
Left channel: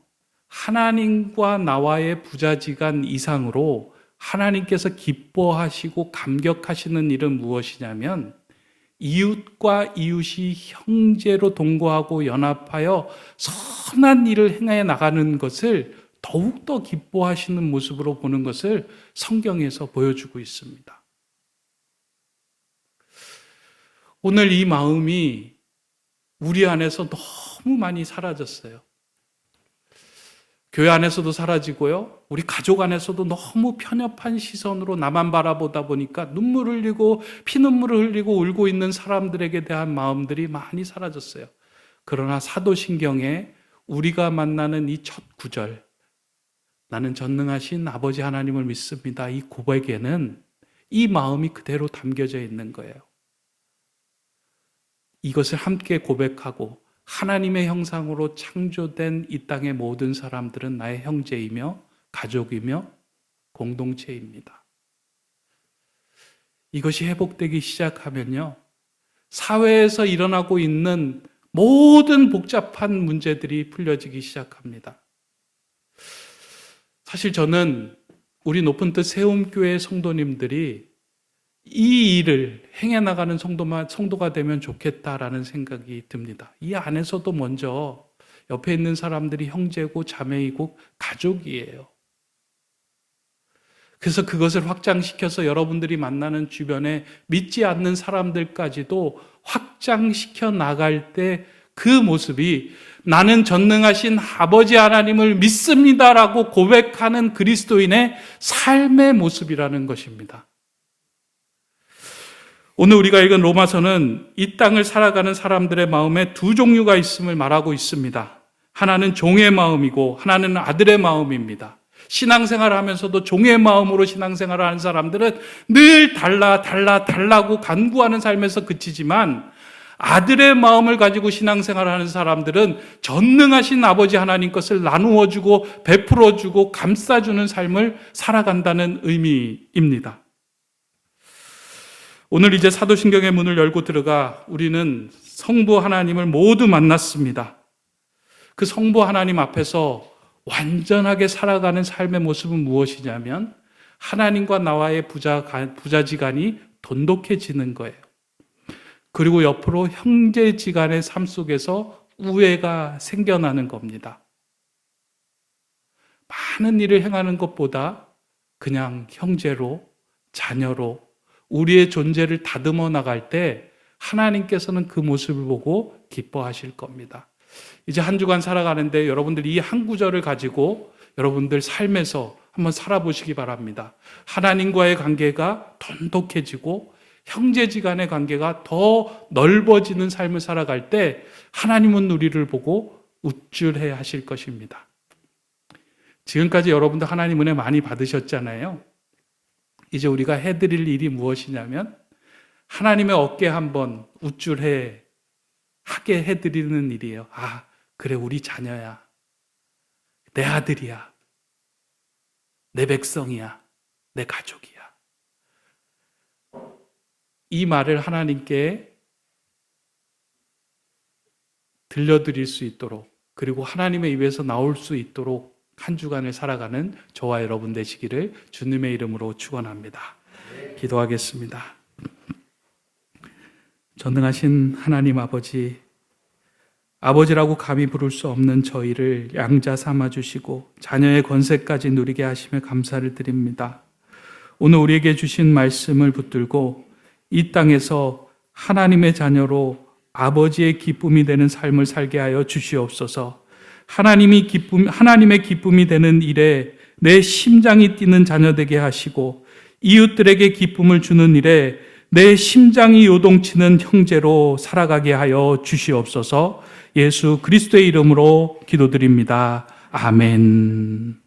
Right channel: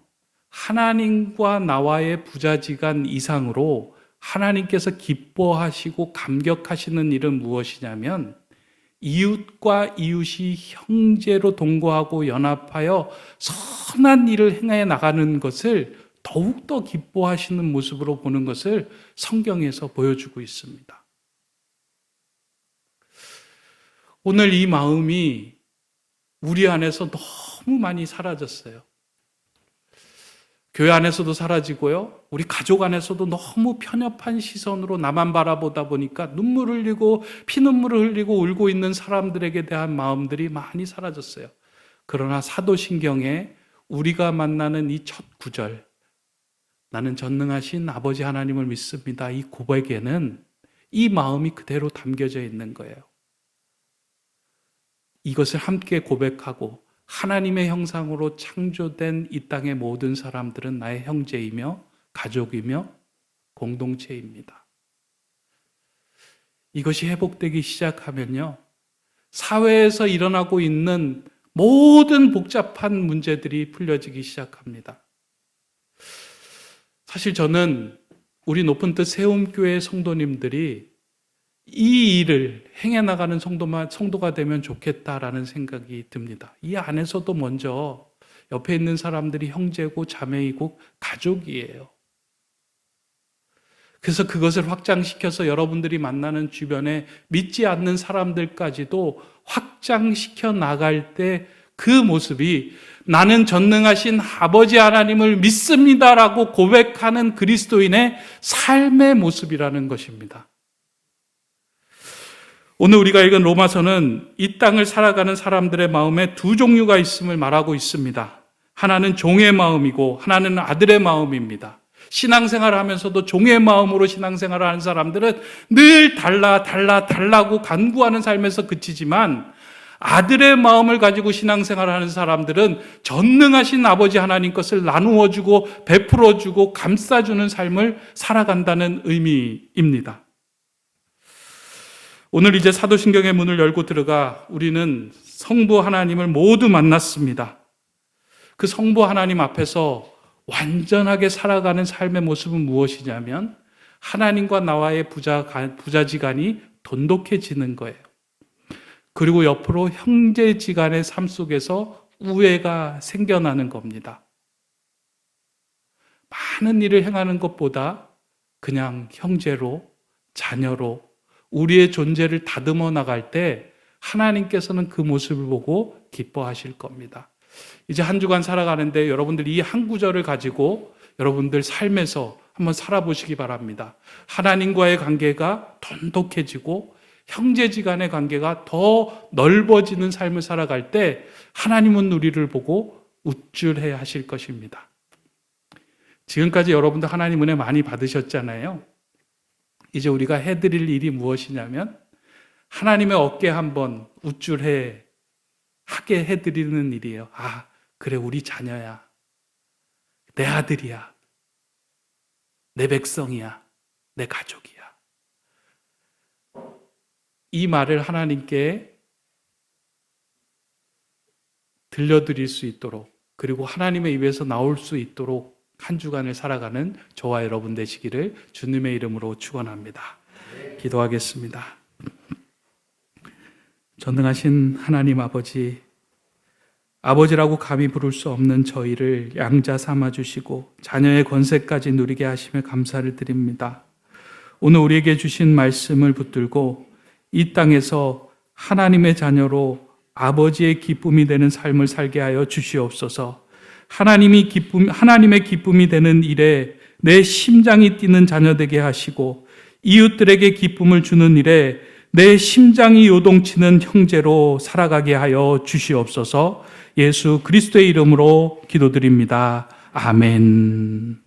하나님과 나와의 부자지간 이상으로 하나님께서 기뻐하시고 감격하시는 일은 무엇이냐면 이웃과 이웃이 형제로 동거하고 연합하여 선한 일을 행해 나가는 것을 더욱더 기뻐하시는 모습으로 보는 것을 성경에서 보여주고 있습니다. 오늘 이 마음이 우리 안에서 너무 많이 사라졌어요. 교회 안에서도 사라지고요. 우리 가족 안에서도 너무 편협한 시선으로 나만 바라보다 보니까 눈물을 흘리고 피눈물을 흘리고 울고 있는 사람들에게 대한 마음들이 많이 사라졌어요. 그러나 사도신경에 우리가 만나는 이 첫 구절, 나는 전능하신 아버지 하나님을 믿습니다. 이 고백에는 이 마음이 그대로 담겨져 있는 거예요. 이것을 함께 고백하고 하나님의 형상으로 창조된 이 땅의 모든 사람들은 나의 형제이며 가족이며 공동체입니다. 이것이 회복되기 시작하면요, 사회에서 일어나고 있는 모든 복잡한 문제들이 풀려지기 시작합니다. 사실 저는 우리 높은 뜻 세움교회 성도님들이 이 일을 행해 나가는 성도가 되면 좋겠다라는 생각이 듭니다. 이 안에서도 먼저 옆에 있는 사람들이 형제고 자매이고 가족이에요. 그래서 그것을 확장시켜서 여러분들이 만나는 주변에 믿지 않는 사람들까지도 확장시켜 나갈 때 그 모습이 나는 전능하신 아버지 하나님을 믿습니다라고 고백하는 그리스도인의 삶의 모습이라는 것입니다. 오늘 우리가 읽은 로마서는 이 땅을 살아가는 사람들의 마음에 두 종류가 있음을 말하고 있습니다. 하나는 종의 마음이고 하나는 아들의 마음입니다. 신앙생활을 하면서도 종의 마음으로 신앙생활을 하는 사람들은 늘 달라고 간구하는 삶에서 그치지만 아들의 마음을 가지고 신앙생활을 하는 사람들은 전능하신 아버지 하나님 것을 나누어주고 베풀어주고 감싸주는 삶을 살아간다는 의미입니다. 오늘 이제 사도신경의 문을 열고 들어가 우리는 성부 하나님을 모두 만났습니다. 그 성부 하나님 앞에서 완전하게 살아가는 삶의 모습은 무엇이냐면 하나님과 나와의 부자지간이 돈독해지는 거예요. 그리고 옆으로 형제지간의 삶 속에서 우애가 생겨나는 겁니다. 많은 일을 행하는 것보다 그냥 형제로, 자녀로 우리의 존재를 다듬어 나갈 때 하나님께서는 그 모습을 보고 기뻐하실 겁니다. 이제 한 주간 살아가는데 여러분들이 이 한 구절을 가지고 여러분들 삶에서 한번 살아보시기 바랍니다. 하나님과의 관계가 돈독해지고 형제지간의 관계가 더 넓어지는 삶을 살아갈 때 하나님은 우리를 보고 우쭐해 하실 것입니다. 지금까지 여러분들 하나님 은혜 많이 받으셨잖아요. 이제 우리가 해드릴 일이 무엇이냐면 하나님의 어깨 한번 우쭐해 하게 해드리는 일이에요. 아, 그래, 우리 자녀야. 내 아들이야. 내 백성이야. 내 가족이야. 이 말을 하나님께 들려드릴 수 있도록, 그리고 하나님의 입에서 나올 수 있도록 한 주간을 살아가는 저와 여러분 되시기를 주님의 이름으로 축원합니다. 기도하겠습니다. 전능하신 하나님 아버지, 아버지라고 감히 부를 수 없는 저희를 양자 삼아주시고 자녀의 권세까지 누리게 하심에 감사를 드립니다. 오늘 우리에게 주신 말씀을 붙들고 이 땅에서 하나님의 자녀로 아버지의 기쁨이 되는 삶을 살게 하여 주시옵소서. 하나님의 기쁨이 되는 일에 내 심장이 뛰는 자녀 되게 하시고 이웃들에게 기쁨을 주는 일에 내 심장이 요동치는 형제로 살아가게 하여 주시옵소서. 예수 그리스도의 이름으로 기도드립니다. 아멘.